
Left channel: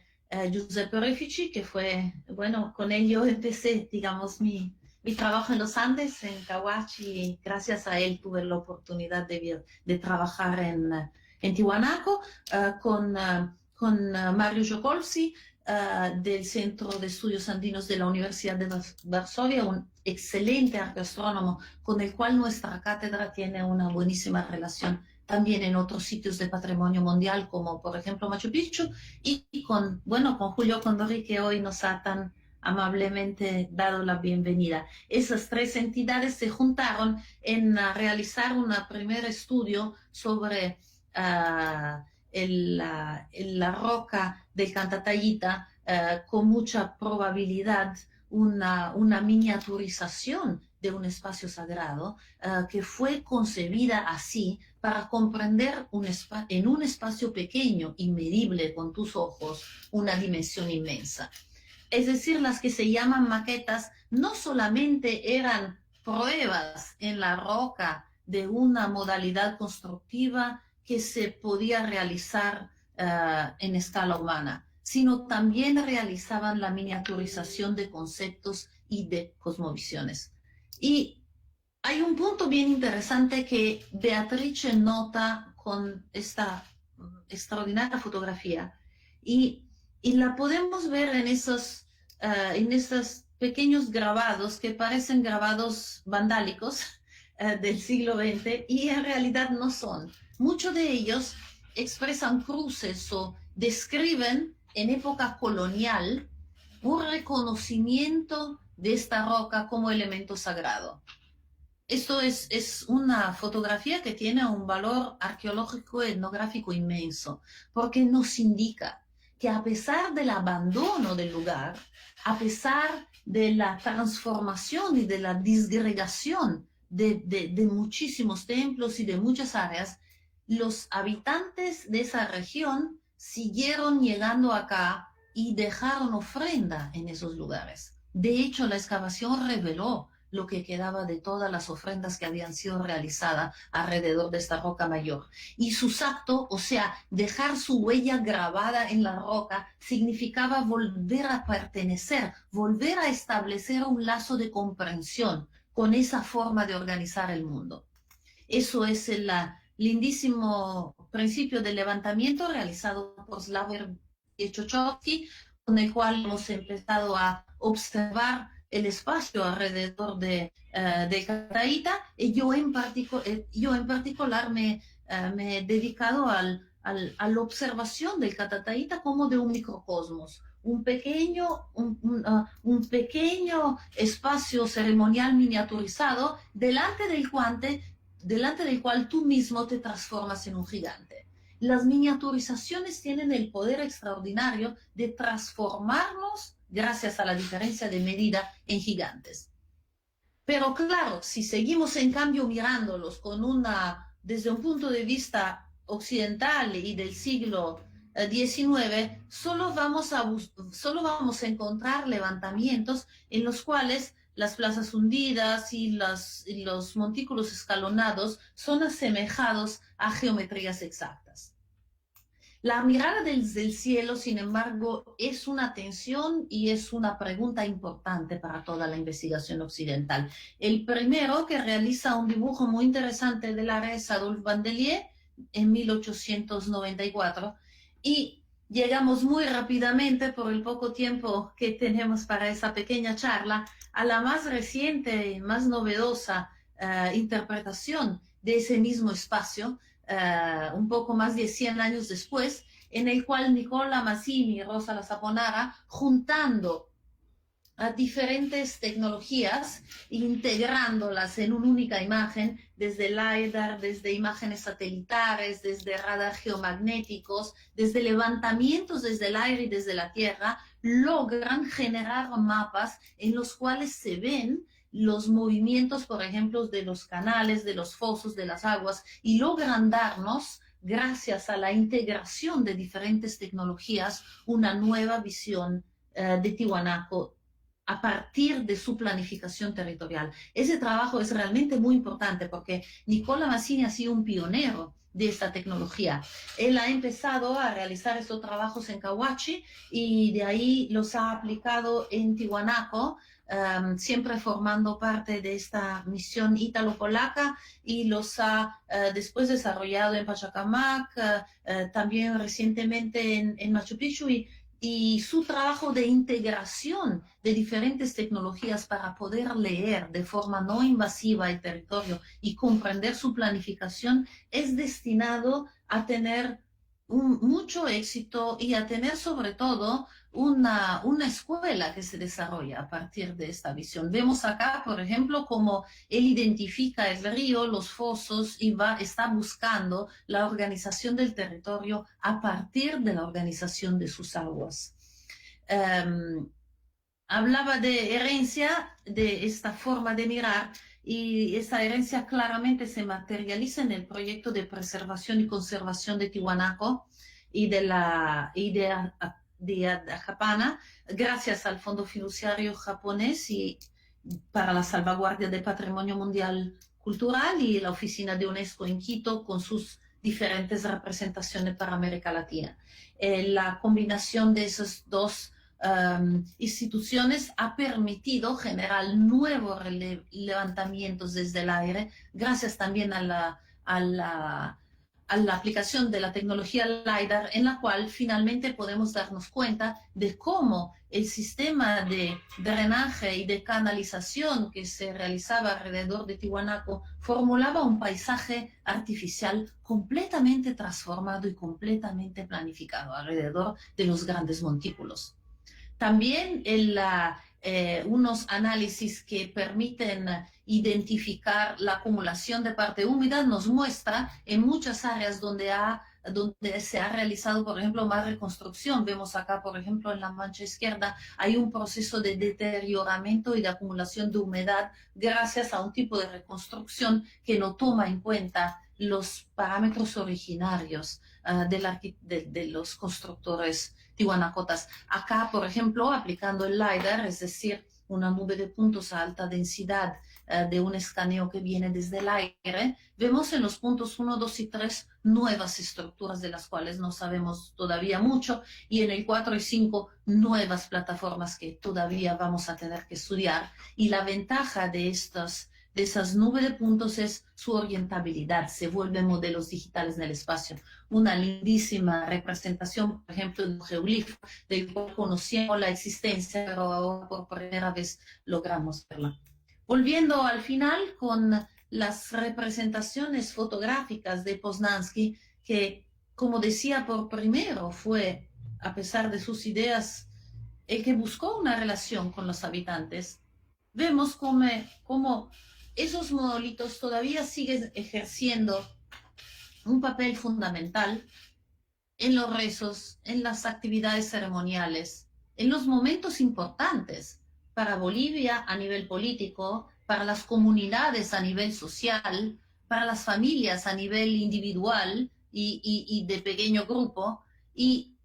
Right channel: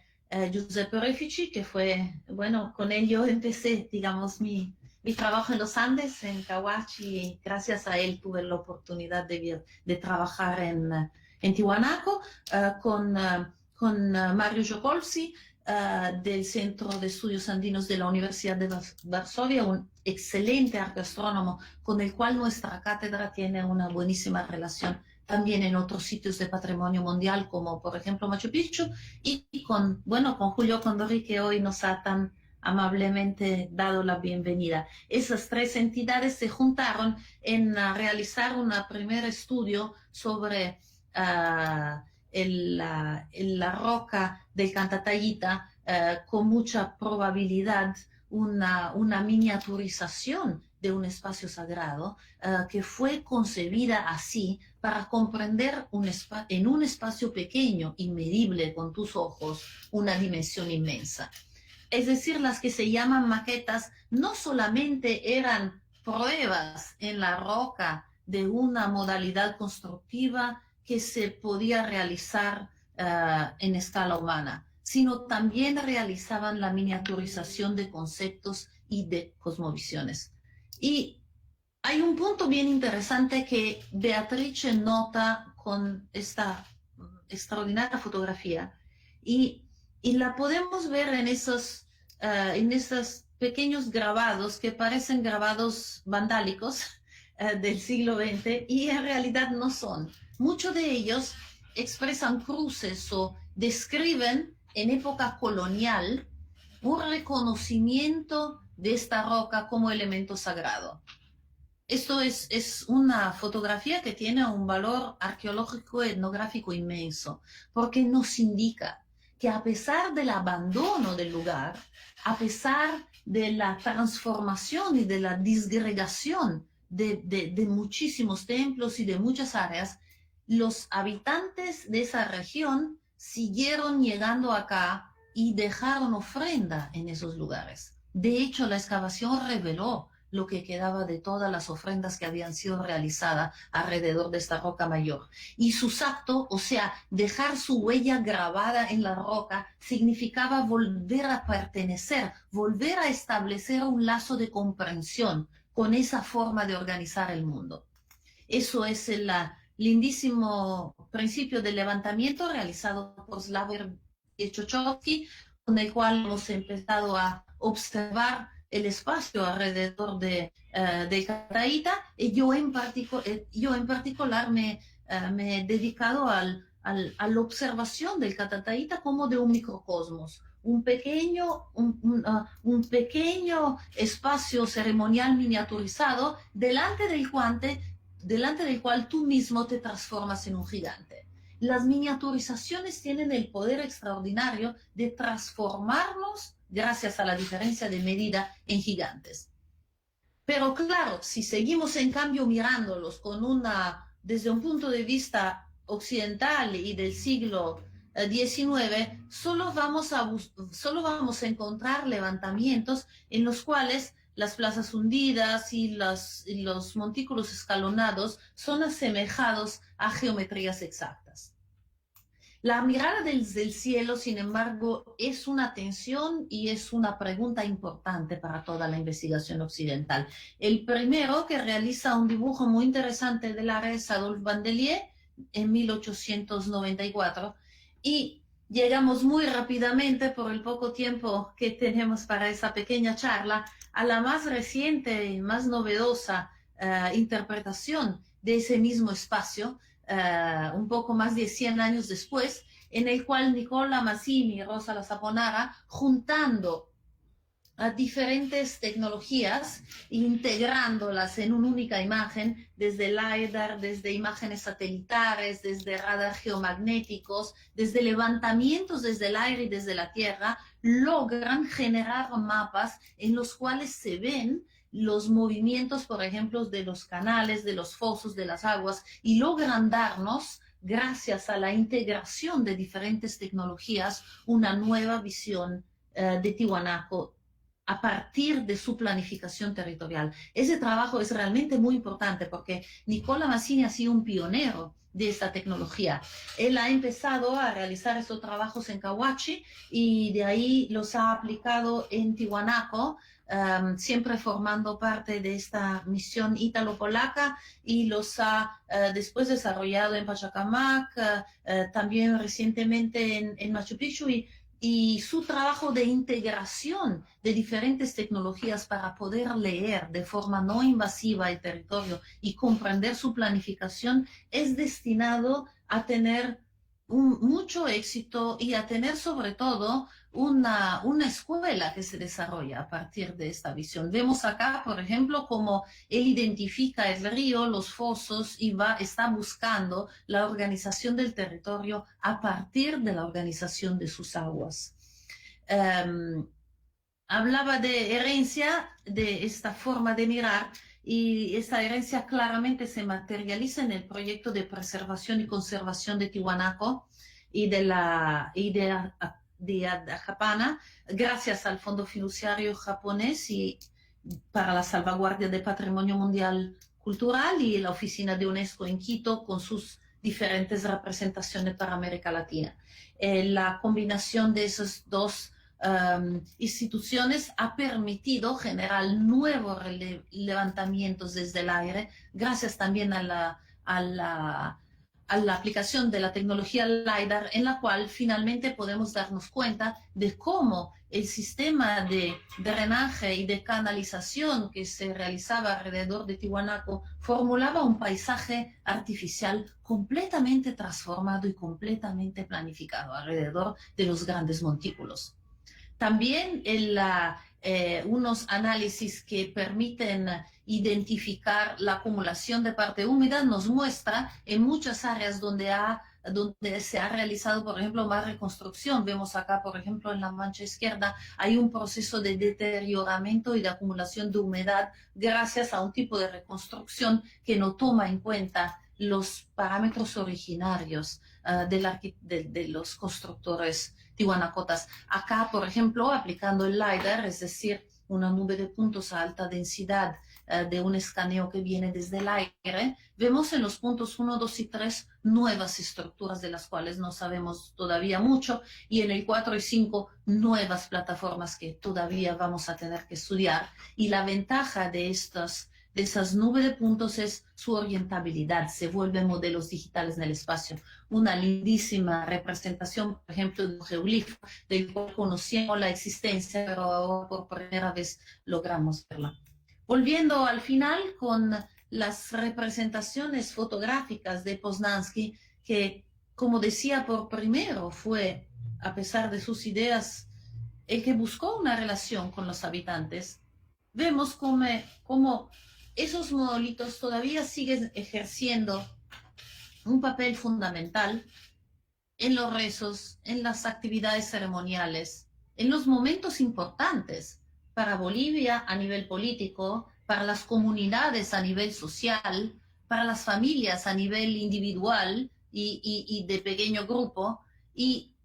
Giuseppe Refici, que fue, bueno, con él yo empecé, digamos, mi trabajo en los Andes, en Cahuachi, y gracias a él tuve la oportunidad de trabajar en Tiwanaku, con Mario Jokolski, del Centro de Estudios Andinos de la Universidad de Varsovia, un excelente arqueastrónomo con el cual nuestra cátedra tiene una buenísima relación también en otros sitios de patrimonio mundial, como por ejemplo Machu Picchu, y con Julio Condori, que hoy nos ha tan amablemente dado la bienvenida. Esas 3 entidades se juntaron en realizar un primer estudio sobre la roca del Cantatayita, con mucha probabilidad una miniaturización de un espacio sagrado, que fue concebida así para comprender en un espacio pequeño y medible con tus ojos una dimensión inmensa. Es decir, las que se llaman maquetas no solamente eran pruebas en la roca de una modalidad constructiva que se podía realizar en escala humana, sino también realizaban la miniaturización de conceptos y de cosmovisiones. Y hay un punto bien interesante que Beatrice nota con esta extraordinaria fotografía, y la podemos ver en esos pequeños grabados que parecen grabados vandálicos del siglo XX, y en realidad no son. Muchos de ellos expresan cruces o describen en época colonial un reconocimiento de esta roca como elemento sagrado. Esto es una fotografía que tiene un valor arqueológico etnográfico inmenso, porque nos indica que a pesar del abandono del lugar, a pesar de la transformación y de la disgregación de muchísimos templos y de muchas áreas, los habitantes de esa región siguieron llegando acá y dejaron ofrenda en esos lugares. De hecho, la excavación reveló lo que quedaba de todas las ofrendas que habían sido realizadas alrededor de esta roca mayor. Y sus actos, o sea, dejar su huella grabada en la roca, significaba volver a pertenecer, volver a establecer un lazo de comprensión con esa forma de organizar el mundo. Eso es el lindísimo principio del levantamiento realizado por Slavoj Žižkovský, con el cual hemos empezado a observar el espacio alrededor del Cataíta, y yo en particular me he dedicado a la observación del Cataíta como de un microcosmos, un pequeño espacio ceremonial miniaturizado delante del cual tú mismo te transformas en un gigante. Las miniaturizaciones tienen el poder extraordinario de transformarnos, gracias a la diferencia de medida, en gigantes. Pero claro, si seguimos en cambio mirándolos desde un punto de vista occidental y del siglo XIX, solo vamos a encontrar levantamientos en los cuales las plazas hundidas y los montículos escalonados son asemejados a geometrías exactas. La mirada desde el cielo, sin embargo, es una tensión y es una pregunta importante para toda la investigación occidental. El primero que realiza un dibujo muy interesante del área es Adolphe Bandelier en 1894, y llegamos muy rápidamente, por el poco tiempo que tenemos para esa pequeña charla, a la más reciente y más novedosa interpretación de ese mismo espacio, un poco más de 100 años después, en el cual Nicola Massini y Rosa La Saponara, juntando a diferentes tecnologías, integrándolas en una única imagen, desde LiDAR, desde imágenes satelitales, desde radar geomagnéticos, desde levantamientos desde el aire y desde la tierra, logran generar mapas en los cuales se ven los movimientos, por ejemplo, de los canales, de los fosos, de las aguas, y logran darnos, gracias a la integración de diferentes tecnologías, una nueva visión de Tiwanaku a partir de su planificación territorial. Ese trabajo es realmente muy importante porque Nicola Massini ha sido un pionero de esta tecnología. Él ha empezado a realizar estos trabajos en Cahuachi y de ahí los ha aplicado en Tiwanaku, siempre formando parte de esta misión ítalo-polaca, y los ha después desarrollado en Pachacamac, también recientemente en Machu Picchu, y su trabajo de integración de diferentes tecnologías para poder leer de forma no invasiva el territorio y comprender su planificación es destinado a tener mucho éxito y a tener sobre todo una escuela que se desarrolla a partir de esta visión. Vemos acá, por ejemplo, cómo él identifica el río, los fosos, y está buscando la organización del territorio a partir de la organización de sus aguas. Hablaba de herencia, de esta forma de mirar, y esta herencia claramente se materializa en el proyecto de preservación y conservación de Tiwanaku y de Adhapana, gracias al Fondo Fiduciario Japonés y para la salvaguardia del patrimonio mundial cultural, y la oficina de UNESCO en Quito con sus diferentes representaciones para América Latina. La combinación de esas dos instituciones ha permitido generar nuevos levantamientos desde el aire, gracias también a la aplicación de la tecnología LiDAR, en la cual finalmente podemos darnos cuenta de cómo el sistema de drenaje y de canalización que se realizaba alrededor de Tiwanaku formulaba un paisaje artificial completamente transformado y completamente planificado alrededor de los grandes montículos. También unos análisis que permiten identificar la acumulación de parte húmeda, nos muestra en muchas áreas donde se ha realizado, por ejemplo, más reconstrucción. Vemos acá, por ejemplo, en la mancha izquierda, hay un proceso de deterioramiento y de acumulación de humedad gracias a un tipo de reconstrucción que no toma en cuenta los parámetros originarios de los constructores tiwanacotas. Acá, por ejemplo, aplicando el LiDAR, es decir, una nube de puntos a alta densidad de un escaneo que viene desde el aire, vemos en los puntos 1, 2 y 3 nuevas estructuras de las cuales no sabemos todavía mucho, y en el 4 y 5 nuevas plataformas que todavía vamos a tener que estudiar. Y la ventaja de esas nubes de puntos es su orientabilidad, se vuelven modelos digitales en el espacio. Una lindísima representación, por ejemplo, de un geoglifo, del cual conocíamos la existencia, pero ahora por primera vez logramos verla. Volviendo al final con las representaciones fotográficas de Poznański, que, como decía, por primero fue, a pesar de sus ideas, el que buscó una relación con los habitantes, vemos cómo esos monolitos todavía siguen ejerciendo un papel fundamental en los rezos, en las actividades ceremoniales, en los momentos importantes para Bolivia a nivel político, para las comunidades a nivel social, para las familias a nivel individual y de pequeño grupo, y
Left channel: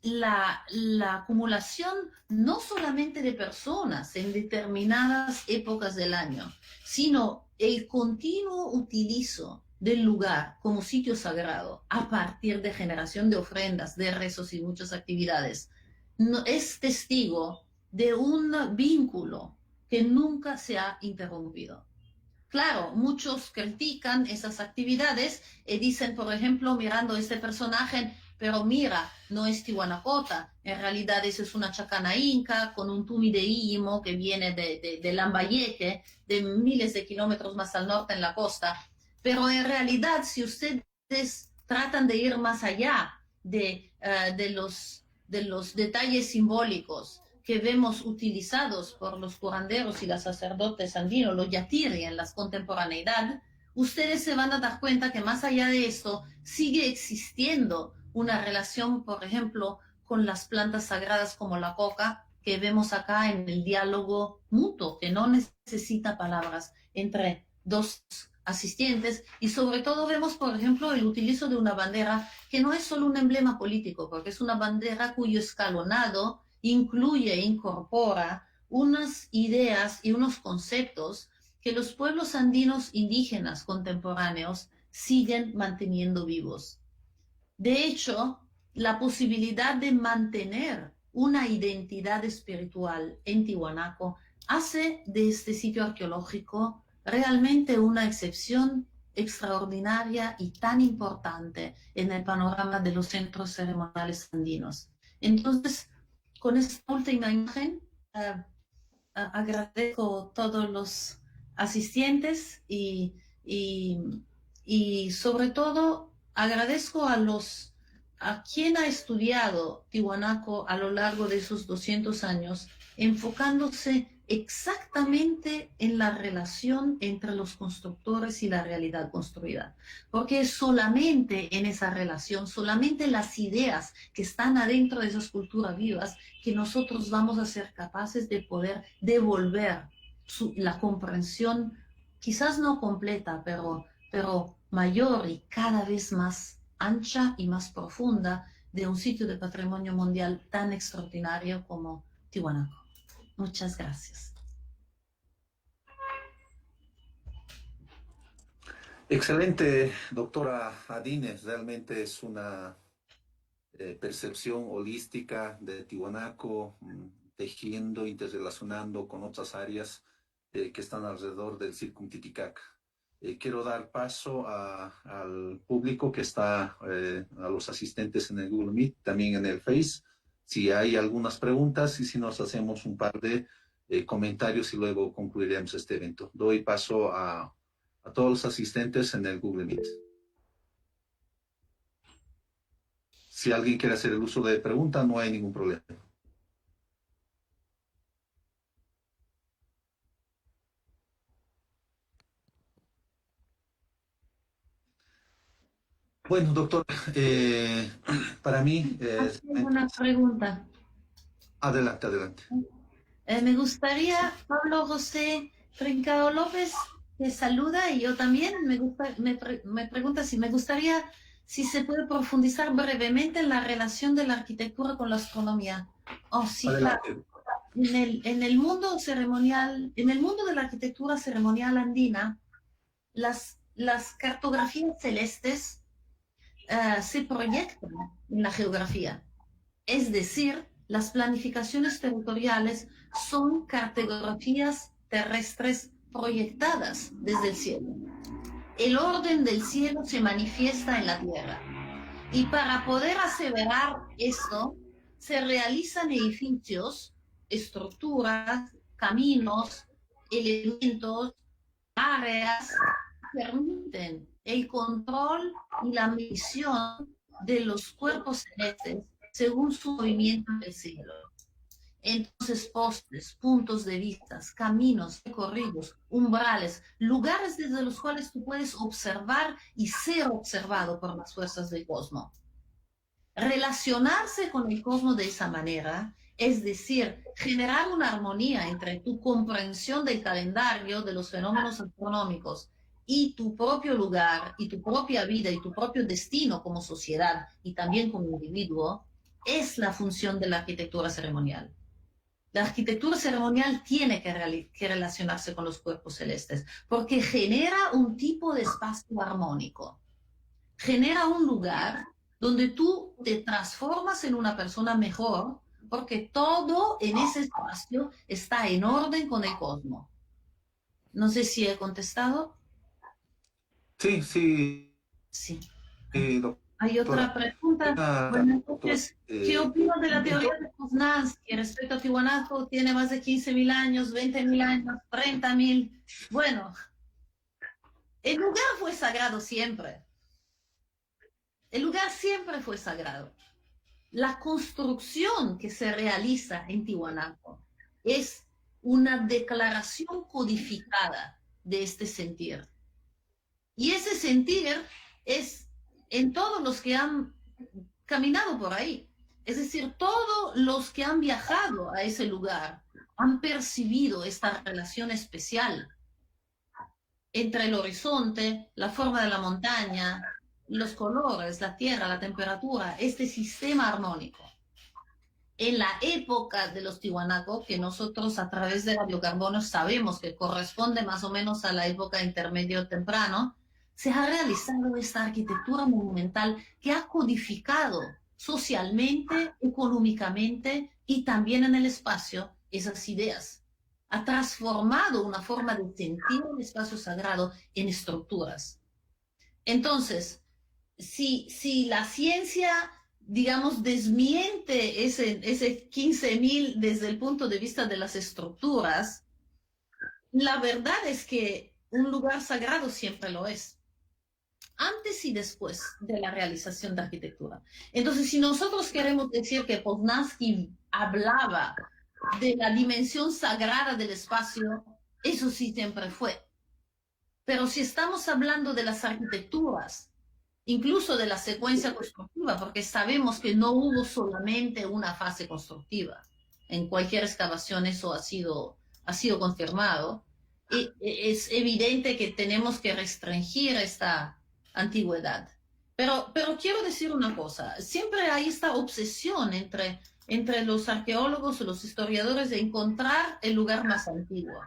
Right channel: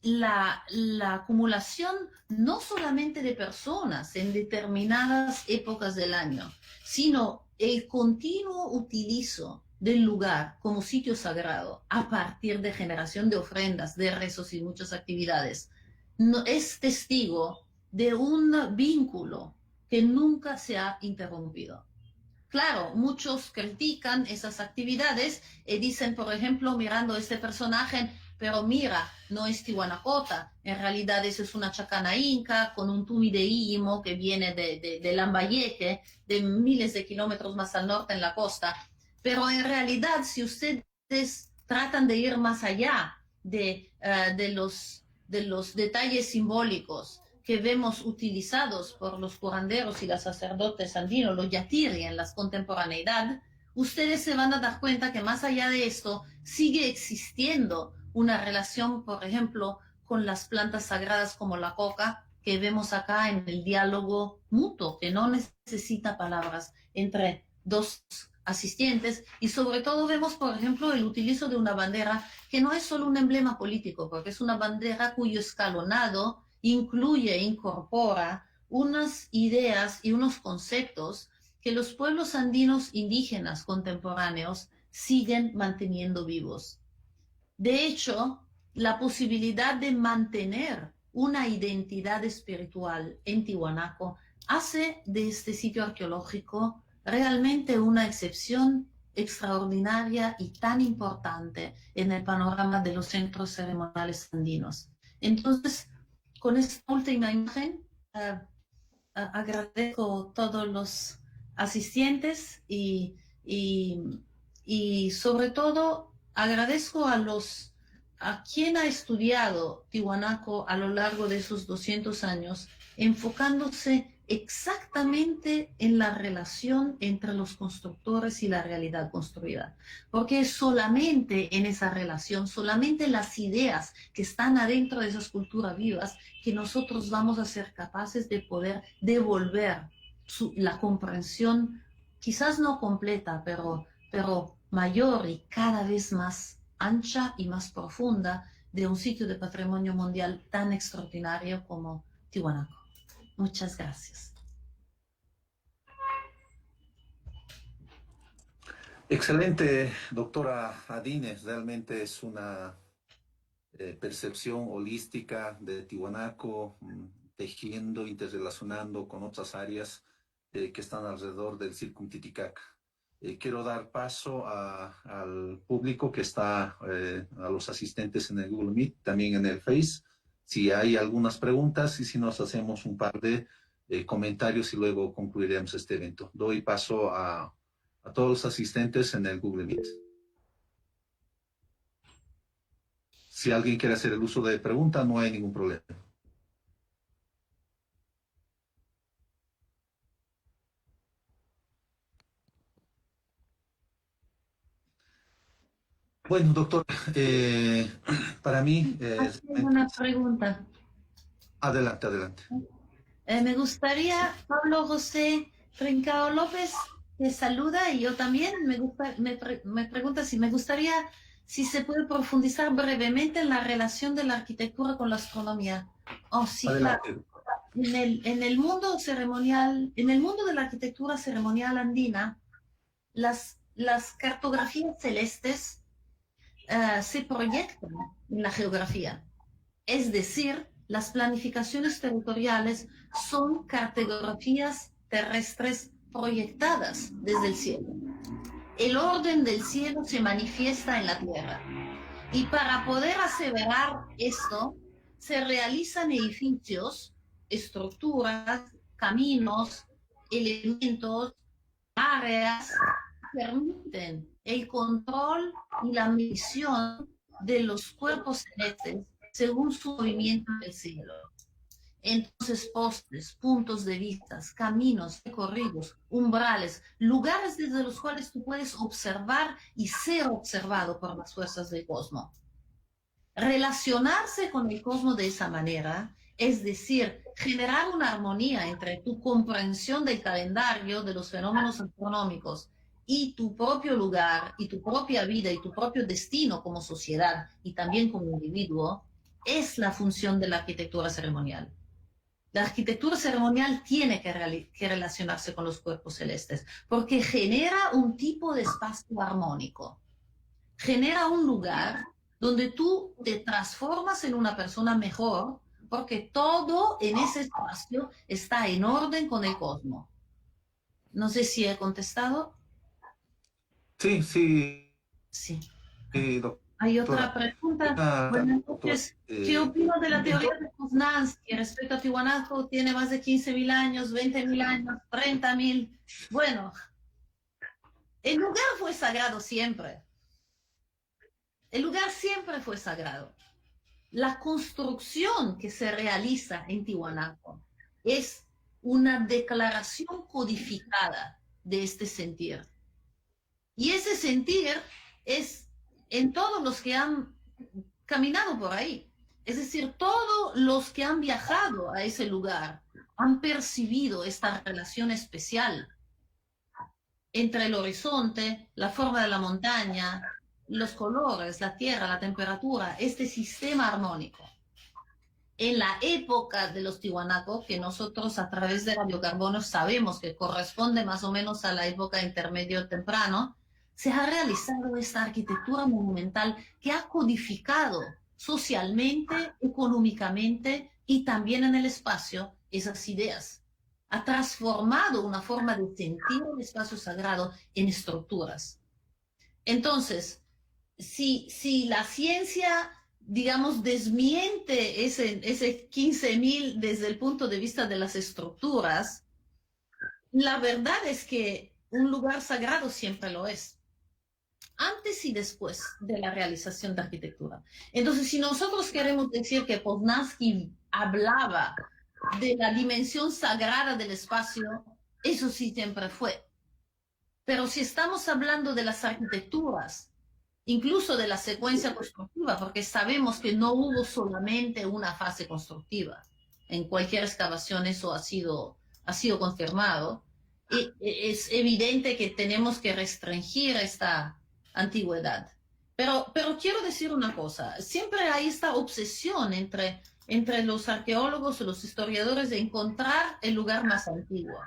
la acumulación no solamente de personas en determinadas épocas del año, sino el continuo utilizo del lugar como sitio sagrado a partir de generación de ofrendas, de rezos y muchas actividades, no, es testigo de un vínculo que nunca se ha interrumpido. Claro, muchos critican esas actividades y dicen, por ejemplo, mirando este personaje, pero mira, no es Tihuanacota, en realidad eso es una chacana inca con un tumi de Imo que viene de Lambayeque, de miles de kilómetros más al norte en la costa. Pero en realidad, si ustedes tratan de ir más allá de los detalles simbólicos que vemos utilizados por los curanderos y los sacerdotes andinos, los yatiri en la contemporaneidad, ustedes se van a dar cuenta que más allá de esto sigue existiendo una relación, por ejemplo, con las plantas sagradas como la coca, que vemos acá en el diálogo mutuo, que no necesita palabras entre dos asistentes, y sobre todo vemos, por ejemplo, el utilizo de una bandera que no es solo un emblema político, porque es una bandera cuyo escalonado incluye e incorpora unas ideas y unos conceptos que los pueblos andinos indígenas contemporáneos siguen manteniendo vivos. De hecho, la posibilidad de mantener una identidad espiritual en Tiwanaku hace de este sitio arqueológico realmente una excepción extraordinaria y tan importante en el panorama de los centros ceremoniales andinos. Entonces, con esta última imagen, agradezco a todos los asistentes y sobre todo agradezco a quien ha estudiado Tiwanaku a lo largo de esos 200 años, enfocándose exactamente en la relación entre los constructores y la realidad construida. Porque es solamente en esa relación, solamente las ideas que están adentro de esas culturas vivas, que nosotros vamos a ser capaces de poder devolver la comprensión, quizás no completa, pero mayor y cada vez más ancha y más profunda de un sitio de patrimonio mundial tan extraordinario como Tiwanaku. Muchas gracias. Excelente, doctora Adines. Realmente es una percepción holística de Tiwanaku, tejiendo, interrelacionando con otras áreas que están alrededor del Circum Titicaca. Quiero dar paso al público que está, a los asistentes en el Google Meet, también en el Face, si hay algunas preguntas y si nos hacemos un par de comentarios y luego concluiremos este evento. Doy paso a todos los asistentes en el Google Meet. Si alguien quiere hacer el uso de pregunta, no hay ningún problema. Bueno, doctor, para mí, Aquí hay una pregunta. adelante, adelante. Me gustaría, Pablo José Trincao López, te saluda y yo también me pregunta si me gustaría si se puede profundizar brevemente en la relación de la arquitectura con la astronomía. Oh, sí, claro. Adelante. En el mundo ceremonial, en el mundo de la arquitectura ceremonial andina, las cartografías celestes se proyectan en la geografía. Es decir, las planificaciones territoriales son cartografías terrestres proyectadas desde el cielo. El orden del cielo se manifiesta en la tierra. Y para poder aseverar esto, se realizan edificios, estructuras, caminos, elementos, áreas que permiten el control y la medición de los cuerpos celestes según su movimiento en el cielo. Entonces, postes, puntos de vista, caminos recorridos, umbrales, lugares desde los cuales tú puedes observar y ser observado por las fuerzas del cosmos. Relacionarse con el cosmos de esa manera, es decir, generar una armonía entre tu comprensión del calendario, de los fenómenos astronómicos y tu propio lugar y tu propia vida y tu propio destino como sociedad y también como individuo, es la función de la arquitectura ceremonial. La arquitectura ceremonial tiene que relacionarse con los cuerpos celestes porque genera un tipo de espacio armónico, genera un lugar donde tú te transformas en una persona mejor porque todo en ese espacio está en orden con el cosmos. No sé si he contestado. Sí, sí, Sí. Hay otra doctora. pregunta. Buenas Doctora, noches. ¿Qué opinas de la teoría de Poznansky respecto a Tiwanaku? Tiene más de 15.000 años, 20.000 años, 30.000. Bueno, el lugar fue sagrado siempre. El lugar siempre fue sagrado. La construcción que se realiza en Tiwanaku es una declaración codificada de este sentir. Y ese sentir es en todos los que han caminado por ahí. Es decir, todos los que han viajado a ese lugar han percibido esta relación especial entre el horizonte, la forma de la montaña, los colores, la tierra, la temperatura, este sistema armónico. En la época de los Tiwanaku, que nosotros a través de radiocarbonos sabemos que corresponde más o menos a la época intermedio temprano, se ha realizado esta arquitectura monumental que ha codificado socialmente, económicamente y también en el espacio esas ideas. Ha transformado una forma de sentir el espacio sagrado en estructuras. Entonces, si la ciencia, digamos, desmiente ese 15.000 desde el punto de vista de las estructuras, la verdad es que un lugar sagrado siempre lo es, antes y después de la realización de arquitectura. Entonces, si nosotros queremos decir que Poznansky hablaba de la dimensión sagrada del espacio, eso sí siempre fue. Pero si estamos hablando de las arquitecturas, incluso de la secuencia constructiva, porque sabemos que no hubo solamente una fase constructiva. En cualquier excavación eso ha sido confirmado. Es evidente que tenemos que restringir esta antigüedad. Pero quiero decir una cosa, siempre hay esta obsesión entre los arqueólogos y los historiadores de encontrar el lugar más antiguo.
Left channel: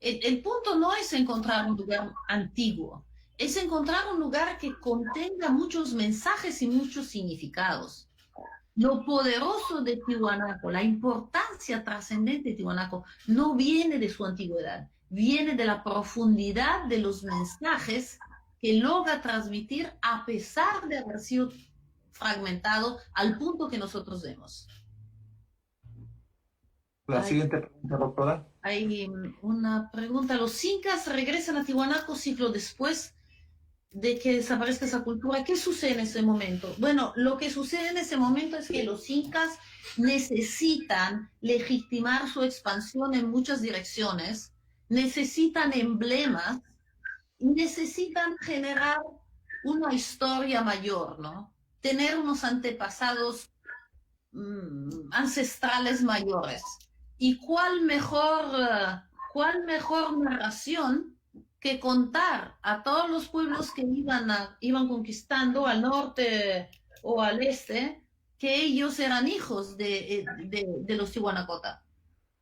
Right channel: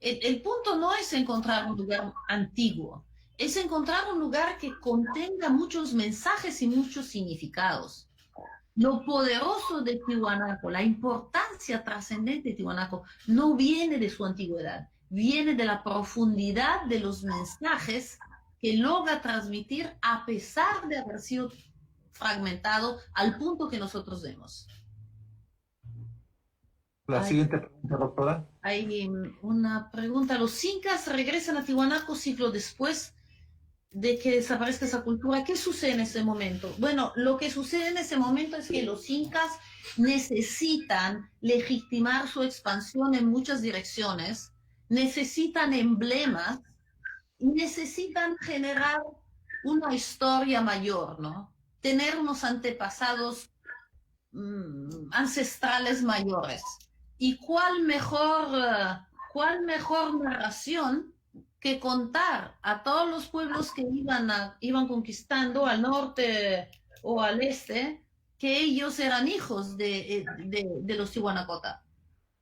El punto no es encontrar un lugar antiguo, es encontrar un lugar que contenga muchos mensajes y muchos significados. Lo poderoso de Tiwanaku, la importancia trascendente de Tiwanaku, no viene de su antigüedad, viene de la profundidad de los mensajes que logra transmitir a pesar de haber sido fragmentado al punto que nosotros vemos. La siguiente pregunta, doctora. Hay una pregunta. ¿Los incas regresan a Tiwanaku siglo después de que desaparezca esa cultura? ¿Qué sucede en ese momento? Bueno, lo que sucede en ese momento es que los incas necesitan legitimar su expansión en muchas direcciones, necesitan emblemas, necesitan generar una historia mayor, ¿no? Tener unos antepasados ancestrales mayores. ¿Y cuál mejor narración que contar a todos los pueblos que iban conquistando al norte o al este, que ellos eran hijos de los Tihuanacota?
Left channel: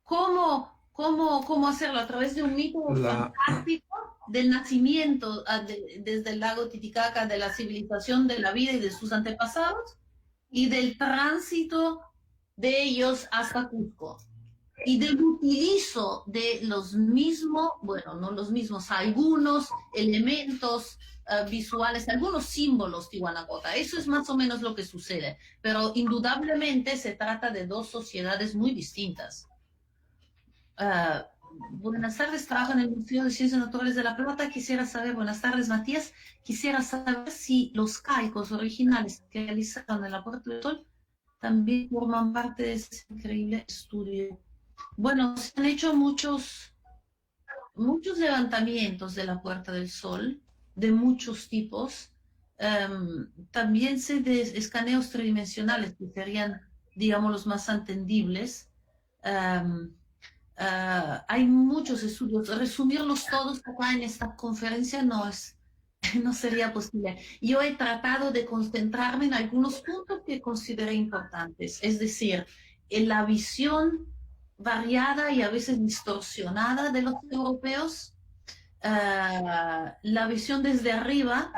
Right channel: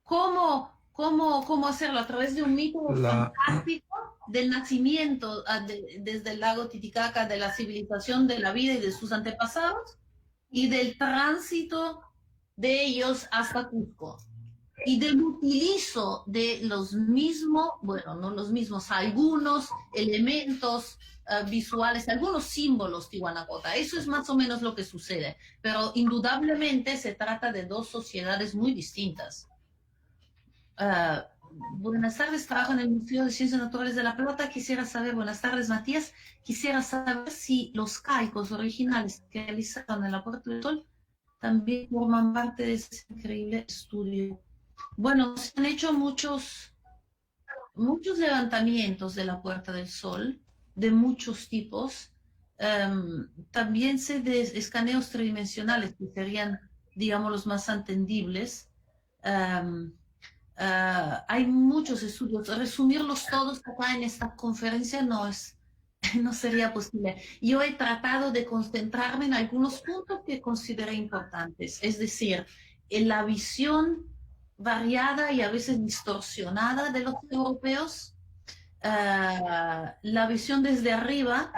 ¿Cómo hacerlo? A través de un mito fantástico del nacimiento desde el lago Titicaca, de la civilización, de la vida y de sus antepasados, y del tránsito de ellos hasta Cusco, y del utilizo de los mismos, bueno, no los mismos, algunos elementos visuales, algunos símbolos tihuanacota. Eso es más o menos lo que sucede, pero indudablemente se trata de dos sociedades muy distintas. Buenas tardes, trabajo en el Museo de Ciencias Naturales de La Plata. Quisiera saber, buenas tardes, Matías, quisiera saber si los calcos originales que realizaron en la Puerta del Sol también forman parte de ese increíble estudio. Bueno, se han hecho muchos levantamientos de la Puerta del Sol, de muchos tipos. También sé de escaneos tridimensionales, que serían, digamos, los más entendibles. Hay muchos estudios. Resumirlos todos acá en esta conferencia no sería posible. Yo he tratado de concentrarme en algunos puntos que consideré importantes, es decir, en la visión variada y a veces distorsionada de los europeos, la visión desde arriba,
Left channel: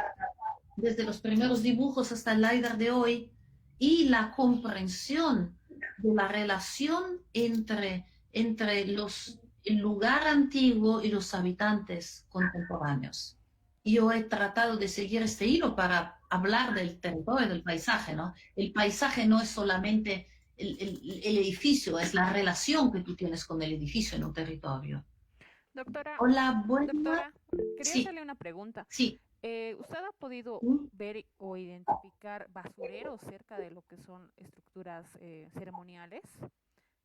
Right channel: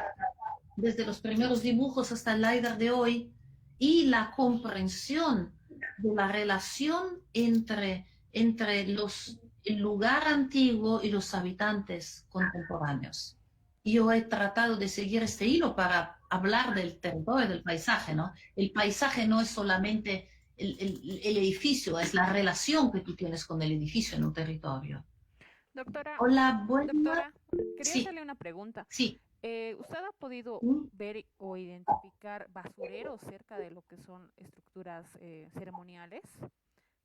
desde los primeros dibujos hasta el LiDAR de hoy, y la comprensión de la relación entre el lugar antiguo y los habitantes contemporáneos. Yo he tratado de seguir este hilo para hablar del territorio, del paisaje, ¿no? El paisaje no es solamente el edificio, es la relación que tú tienes con el edificio en un territorio. Doctora, Hola, buenas. doctora, quería Sí, hacerle una pregunta. sí. ¿Usted ha podido ver o identificar basureros cerca de lo que son estructuras ceremoniales?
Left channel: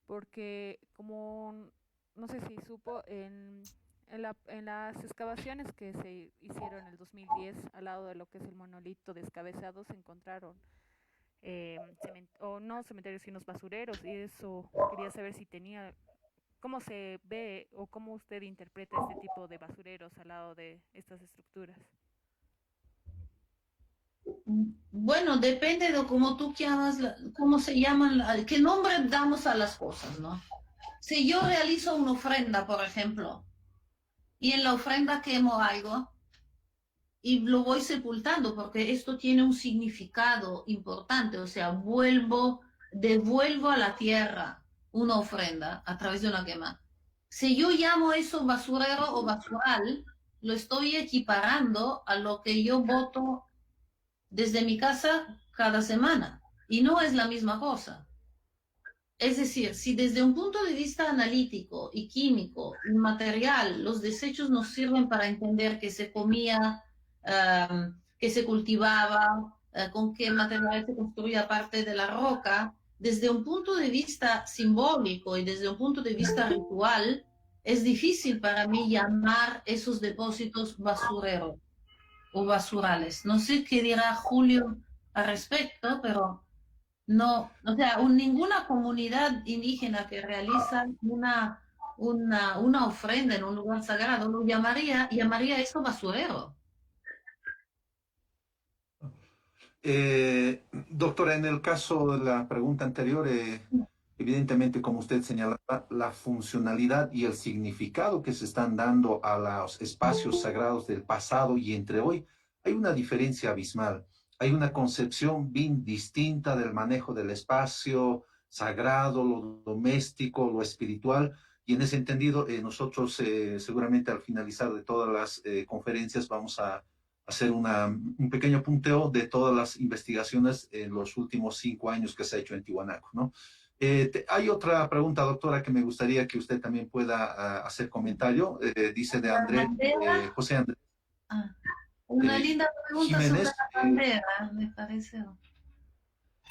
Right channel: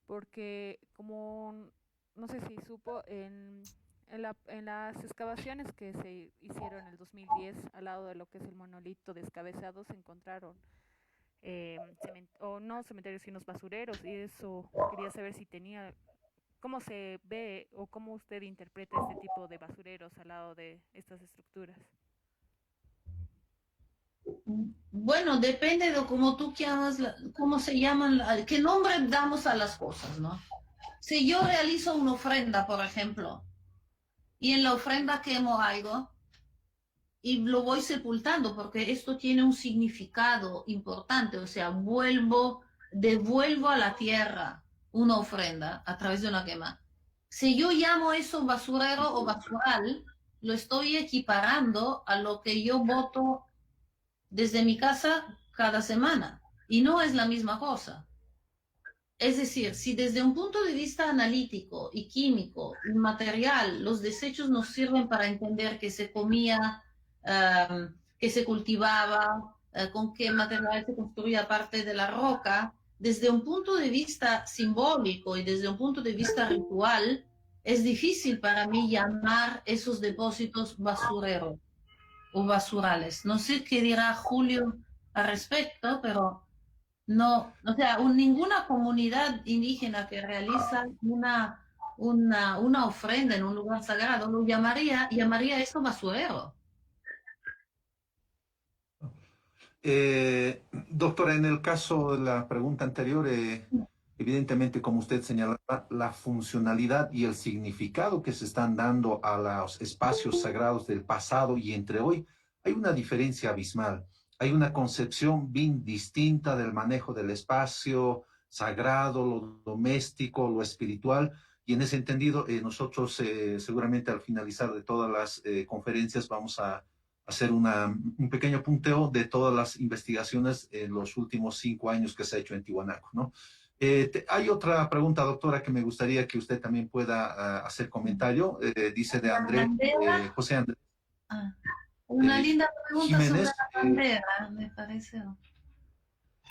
Porque como no sé si supo, en las excavaciones que se hicieron en el 2010 al lado de lo que es el monolito descabezado se encontraron o no cementerios sino basureros, y eso quería saber si tenía, cómo se ve o cómo usted interpreta este tipo de basureros al lado de estas estructuras. Bueno, depende de cómo tú llamas, cómo se llaman, qué nombre damos a las cosas, ¿no? Si yo realizo una ofrenda, por ejemplo, y en la ofrenda quemo algo y lo voy sepultando porque esto tiene un significado importante, o sea, devuelvo a la tierra una ofrenda a través de una quema. Si yo llamo eso basurero o basural, lo estoy equiparando a lo que yo boto desde mi casa cada semana y no es la misma cosa. Es decir, si desde un punto de vista analítico y químico y material los desechos nos sirven para entender qué se comía, qué se cultivaba, con qué material se construía parte de la roca, desde un punto de vista simbólico y desde un punto de vista ritual, es difícil para mí llamar esos depósitos basureros o basurales. No sé qué dirá Julio al respecto, pero no, o sea, ninguna comunidad indígena que realiza una ofrenda en un lugar sagrado lo llamaría eso basurero. Doctora, en el caso de la pregunta anterior, evidentemente, como usted señalaba, la funcionalidad y el significado que se están dando a los espacios sagrados del pasado y entre hoy, hay una diferencia abismal. Hay una concepción bien distinta del manejo del espacio sagrado, lo doméstico, lo espiritual. Y en ese entendido, nosotros seguramente al finalizar de todas las conferencias vamos a hacer un pequeño punteo de todas las investigaciones en los últimos 5 años que se ha hecho en Tiwanaku, ¿no? Hay otra pregunta, doctora, que me gustaría que usted también pueda hacer comentario. Dice de André, José Andrés. Una linda pregunta Jiménez, sobre la bandera, me parece.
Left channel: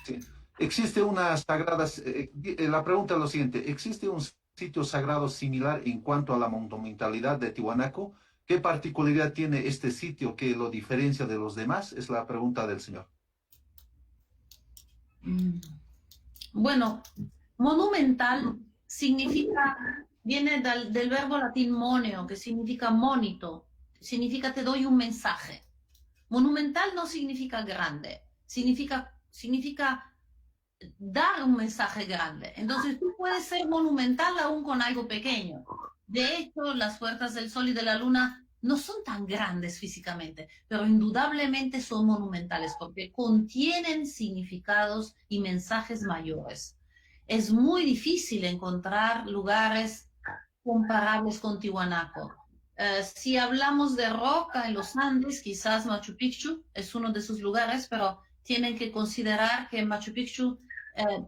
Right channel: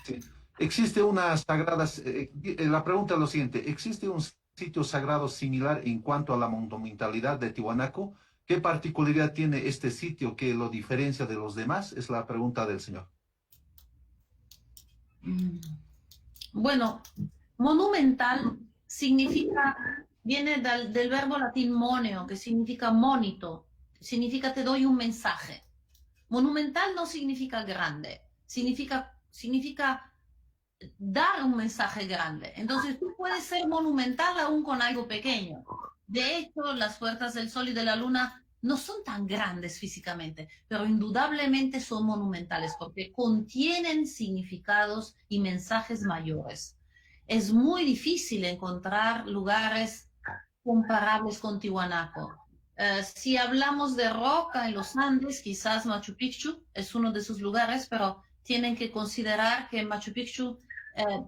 Sí. Existe una sagrada, la pregunta es lo siguiente, ¿existe un sitio sagrado similar en cuanto a la monumentalidad de Tiwanaku? ¿Qué particularidad tiene este sitio que lo diferencia de los demás? Es la pregunta del señor. Bueno, monumental significa, viene del verbo latín moneo, que significa monito, significa te doy un mensaje. Monumental no significa grande, significa dar un mensaje grande. Entonces tú puedes ser monumental aún con algo pequeño. De hecho, las puertas del Sol y de la Luna no son tan grandes físicamente, pero indudablemente son monumentales porque contienen significados y mensajes mayores. Es muy difícil encontrar lugares comparables con Tiwanaku. Si hablamos de roca en los Andes, quizás Machu Picchu es uno de sus lugares, pero tienen que considerar que Machu Picchu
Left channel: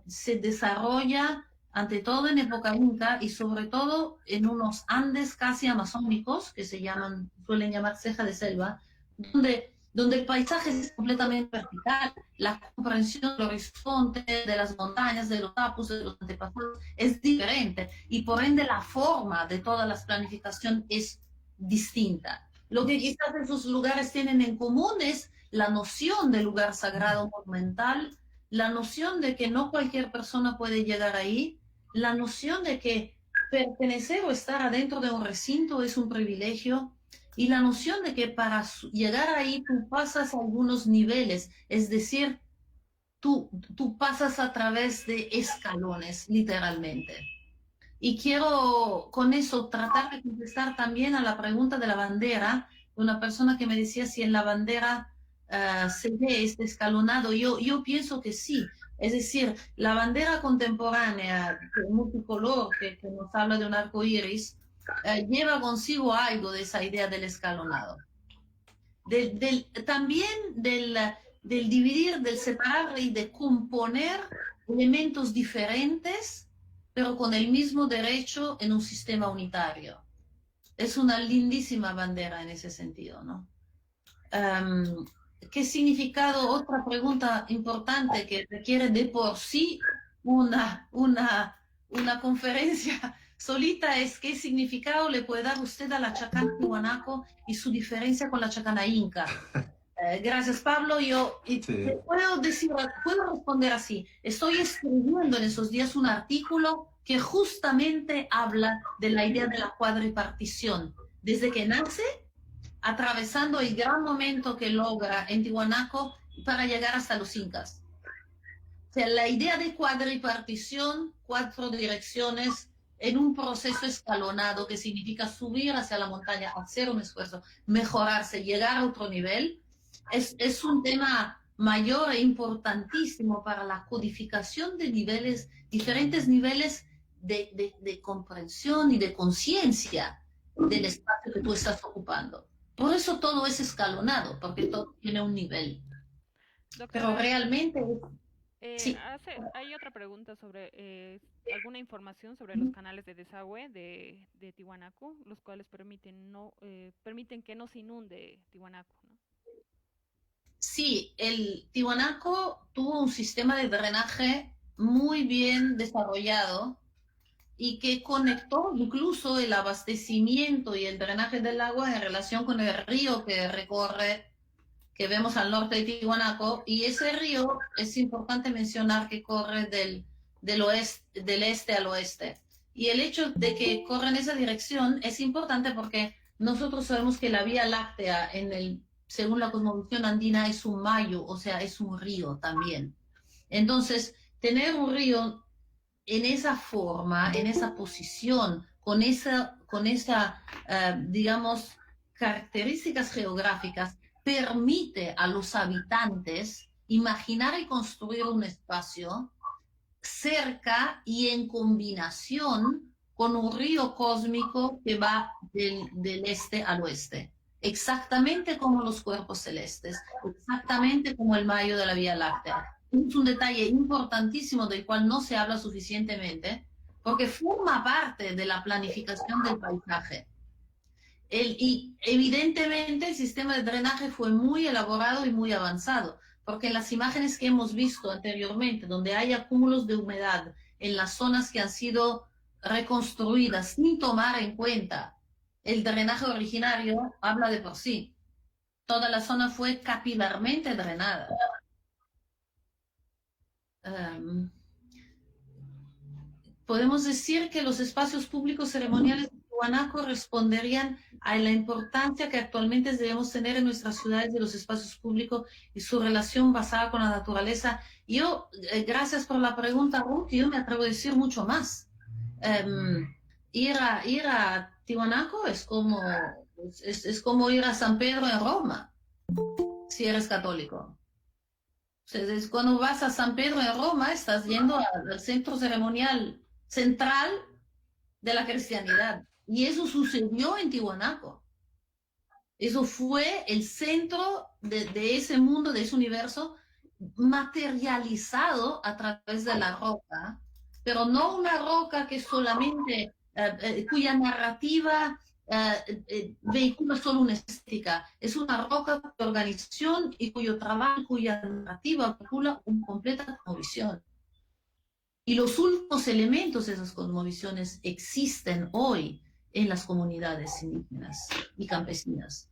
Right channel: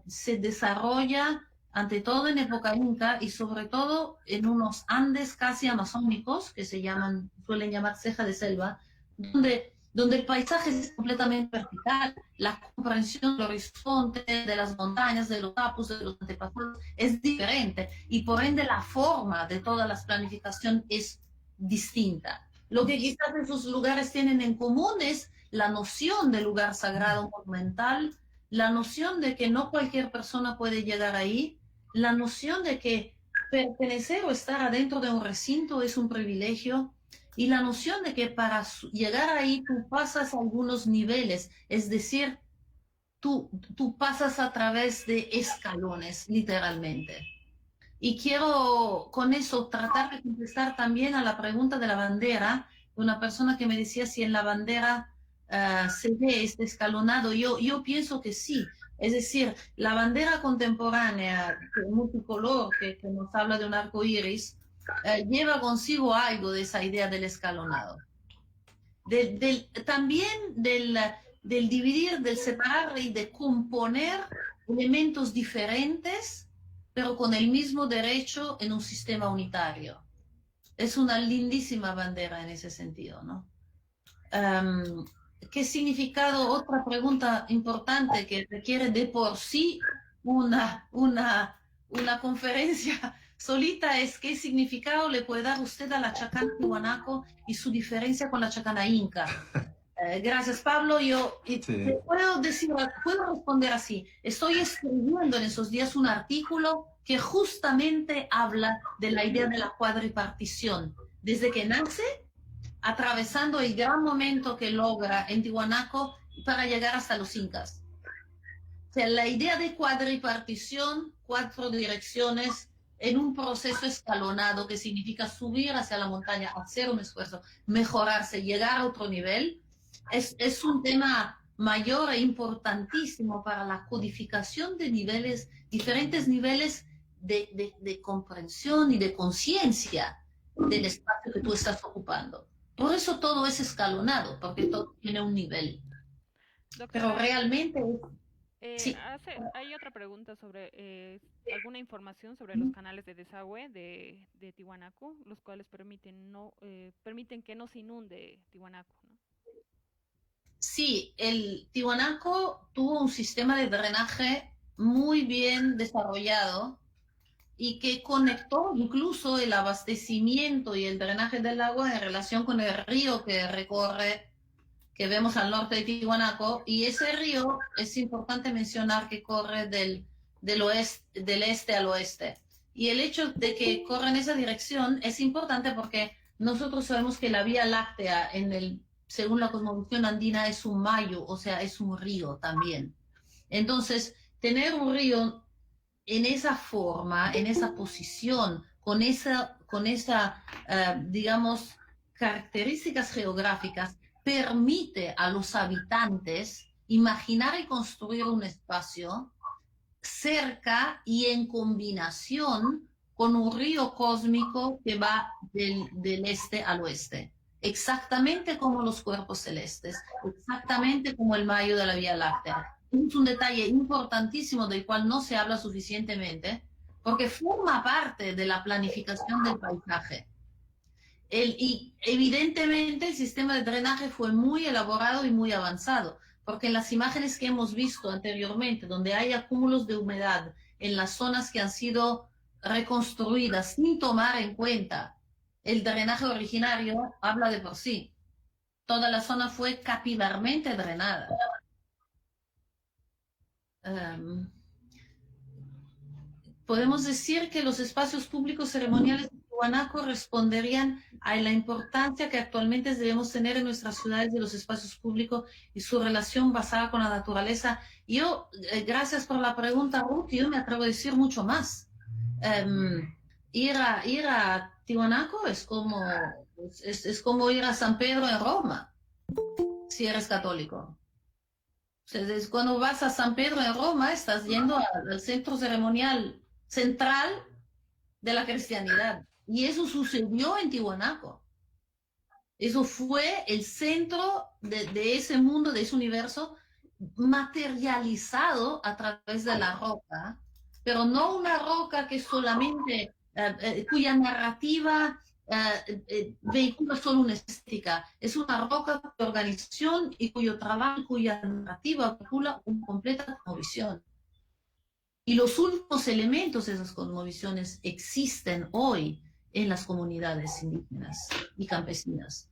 se desarrolla ante todo en época inca y sobre todo en unos Andes casi amazónicos que suelen llamar ceja de selva, donde el paisaje es completamente vertical, la comprensión del horizonte, de las montañas, de los tapos, de los antepasados, es diferente y por ende la forma de toda la planificación es distinta. Lo que quizás esos lugares tienen en común es la noción de lugar sagrado monumental, la noción de que no cualquier persona puede llegar ahí, la noción de que pertenecer o estar adentro de un recinto es un privilegio, y la noción de que para llegar ahí tú pasas algunos niveles, es decir, tú pasas a través de escalones, literalmente. Y quiero con eso tratar de contestar también a la pregunta de la bandera, una persona que me decía si en la bandera se ve este escalonado. Yo pienso que sí. Es decir, la bandera contemporánea, multicolor, que nos habla de un arco iris, lleva consigo algo de esa idea del escalonado. También del dividir, del separar y de componer elementos diferentes, pero con el mismo derecho en un sistema unitario. Es una lindísima bandera en ese sentido, ¿no? ¿Qué significado? Otra pregunta importante que requiere de por sí una conferencia solita es qué significado le puede dar usted a la chacana Tiwanaku y su diferencia con la chacana inca. Gracias, Pablo. Yo puedo responder así. Estoy escribiendo en esos días un artículo que justamente habla de la idea de la cuadripartición. Desde que nace, atravesando el gran momento que logra en Tiwanaku para llegar hasta los incas. O sea, la idea de cuadripartición, 4 direcciones, en un proceso escalonado que significa subir hacia la montaña, hacer un esfuerzo, mejorarse, llegar a otro nivel, es un tema mayor e importantísimo para la codificación de niveles, diferentes niveles de comprensión y de conciencia del espacio que tú estás ocupando. Por eso todo es escalonado, porque todo tiene un nivel. Doctora, pero realmente... sí. Hay otra pregunta sobre alguna información sobre los canales de desagüe de Tiwanaku, los cuales permiten que no se inunde Tiwanaku, ¿no? Sí, el Tiwanaku tuvo un sistema de drenaje muy bien desarrollado y que conectó incluso el abastecimiento y el drenaje del agua en relación con el río que recorre, que vemos al norte de Tiwanaku, y ese río es importante mencionar que corre del este al oeste. Y el hecho de que corra en esa dirección es importante porque nosotros sabemos que la Vía Láctea, según la cosmovisión andina, es un mayo, o sea, es un río también. Entonces, tener un río en esa forma, en esa posición, con esa digamos, características geográficas, permite a los habitantes imaginar y construir un espacio cerca y en combinación con un río cósmico que va del este al oeste, exactamente como los cuerpos celestes, exactamente como el mayo de la Vía Láctea. Es un detalle importantísimo del cual no se habla suficientemente, porque forma parte de la planificación del paisaje. Y evidentemente el sistema de drenaje fue muy elaborado y muy avanzado, porque en las imágenes que hemos visto anteriormente, donde hay acúmulos de humedad en las zonas que han sido reconstruidas sin tomar en cuenta el drenaje originario habla de por sí. Toda la zona fue capilarmente drenada. Podemos decir que los espacios públicos ceremoniales de Tiwanaku responderían a la importancia que actualmente debemos tener en nuestras ciudades de los espacios públicos y su relación basada con la naturaleza. Yo, gracias por la pregunta, Ruth, yo me atrevo a decir mucho más. Ir a Tiwanaku es como ir a San Pedro en Roma, si eres católico. Entonces, cuando vas a San Pedro en Roma, estás yendo al centro ceremonial central de la cristianidad. Y eso sucedió en Tiwanaku. Eso fue el centro de ese mundo, de ese universo, materializado a través de la roca, pero no una roca que solamente, cuya narrativa vehicula solo una estética, es una roca de organización y cuyo trabajo, cuya narrativa vehicula una completa cosmovisión. Y los últimos elementos de esas cosmovisiones existen hoy en las comunidades indígenas y campesinas.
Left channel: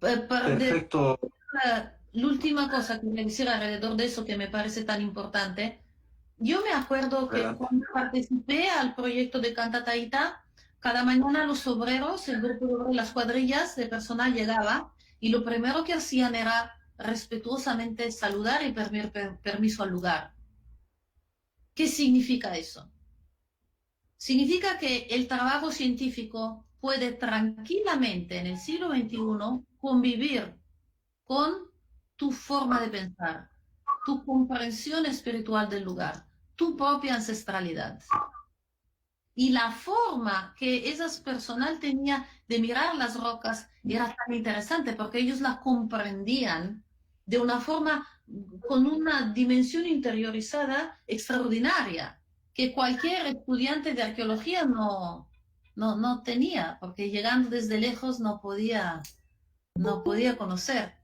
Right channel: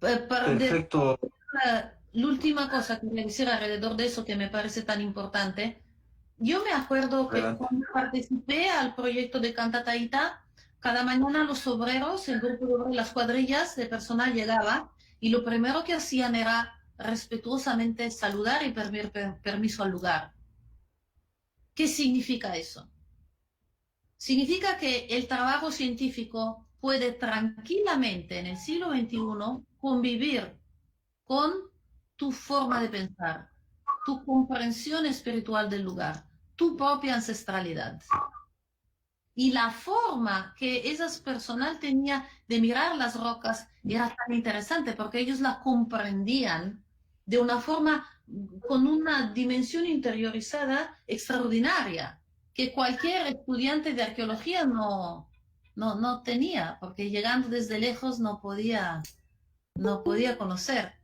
Perfecto. La última cosa que me decir alrededor de eso que me parece tan importante, yo me acuerdo que cuando participé al proyecto de Cantataita, cada mañana los obreros, el grupo de obreros, las cuadrillas de personal llegaba y lo primero que hacían era respetuosamente saludar y pedir permiso al lugar. ¿Qué significa eso? Significa que el trabajo científico puede tranquilamente en el siglo XXI convivir con tu forma de pensar, tu comprensión espiritual del lugar, tu propia ancestralidad. Y la forma que esas personas tenían de mirar las rocas era tan interesante porque ellos la comprendían de una forma con una dimensión interiorizada extraordinaria que cualquier estudiante de arqueología no tenía, porque llegando desde lejos no podía conocer.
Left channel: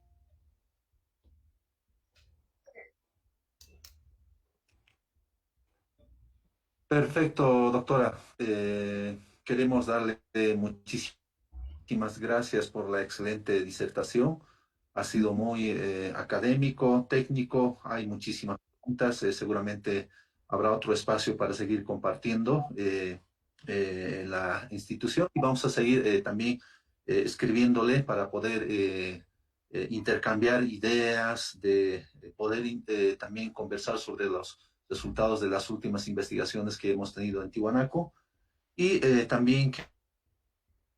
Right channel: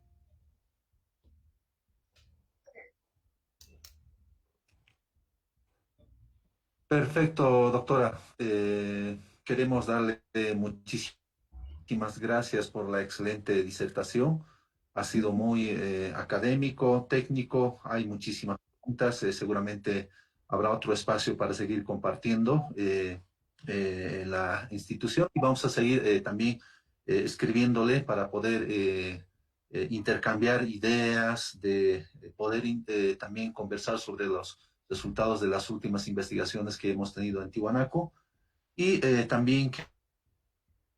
Perfecto, doctora. Queremos darle muchísimas gracias por la excelente disertación. Ha sido muy académico, técnico, hay muchísimas preguntas. Seguramente habrá otro espacio para seguir compartiendo en la institución y vamos a seguir también escribiéndole para poder intercambiar ideas, de poder también conversar sobre los resultados de las últimas investigaciones que hemos tenido en Tiwanaku. Y también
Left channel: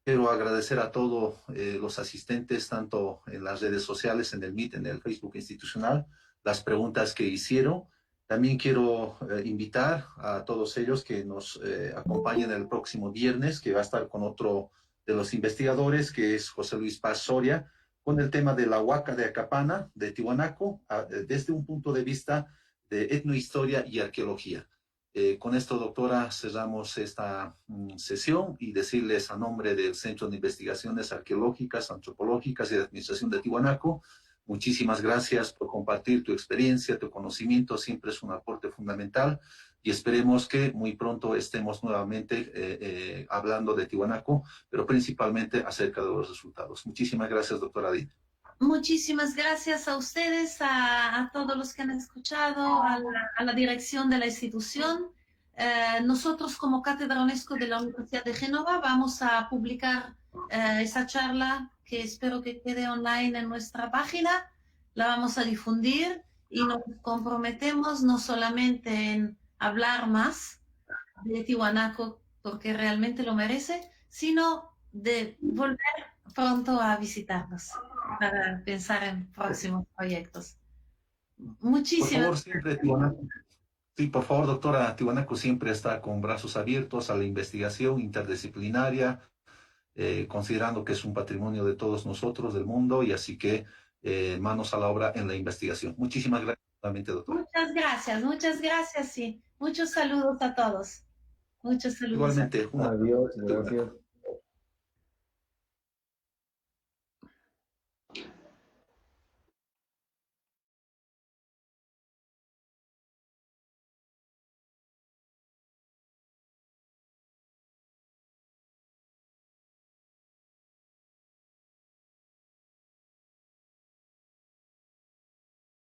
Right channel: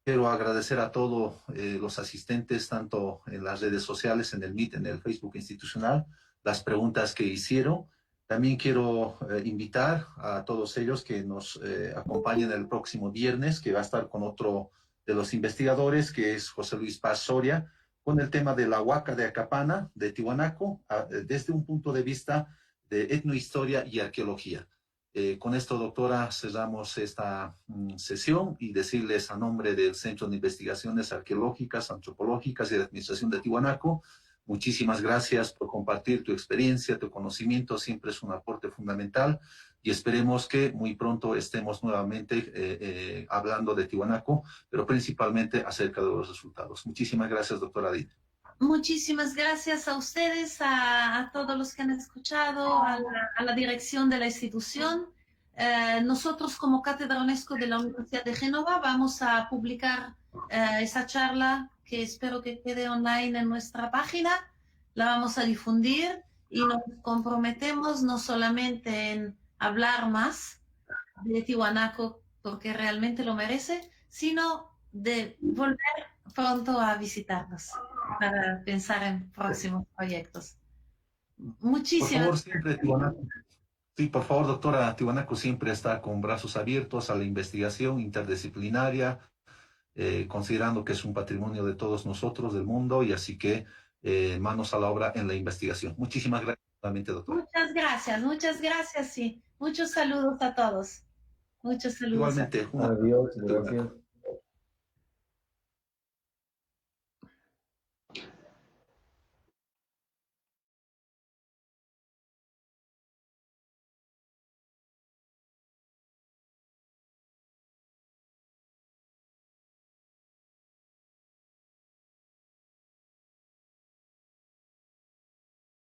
quiero agradecer a todos los asistentes, tanto en las redes sociales, en el Meet, en el Facebook institucional, las preguntas que hicieron. También quiero invitar a todos ellos que nos acompañen el próximo viernes, que va a estar con otro de los investigadores, que es José Luis Paz Soria, con el tema de la Huaca de Acapana, de Tiwanaku, desde un punto de vista de etnohistoria y arqueología. Con esto, doctora, cerramos esta sesión y decirles a nombre del Centro de Investigaciones Arqueológicas, Antropológicas y de Administración de Tiwanaku, muchísimas gracias por compartir tu experiencia, tu conocimiento, siempre es un aporte fundamental y esperemos que muy pronto estemos nuevamente hablando de Tiwanaku, pero principalmente acerca de los resultados. Muchísimas gracias, doctora Adit. Muchísimas gracias a ustedes, a todos los que han escuchado, a la dirección de la institución. Nosotros como Cátedra UNESCO de la Universidad de Génova vamos a publicar esa charla que espero que quede online en nuestra página. La vamos a difundir y nos comprometemos no solamente en hablar más de Tiwanaku porque realmente lo merece, sino de volver pronto a visitarnos para pensar en próximos proyectos. Muchísimas gracias. Por favor, siempre Tiwanaku. Sí, por favor, doctora, Tiwanaku siempre está con brazos abiertos a la investigación interdisciplinaria, considerando que es un patrimonio de todos nosotros, del mundo, y así que manos a la obra en la investigación. Muchísimas gracias nuevamente, doctora. Muchas gracias, sí. Muchos saludos a todos. Muchos saludos. Igualmente. Adiós, gracias.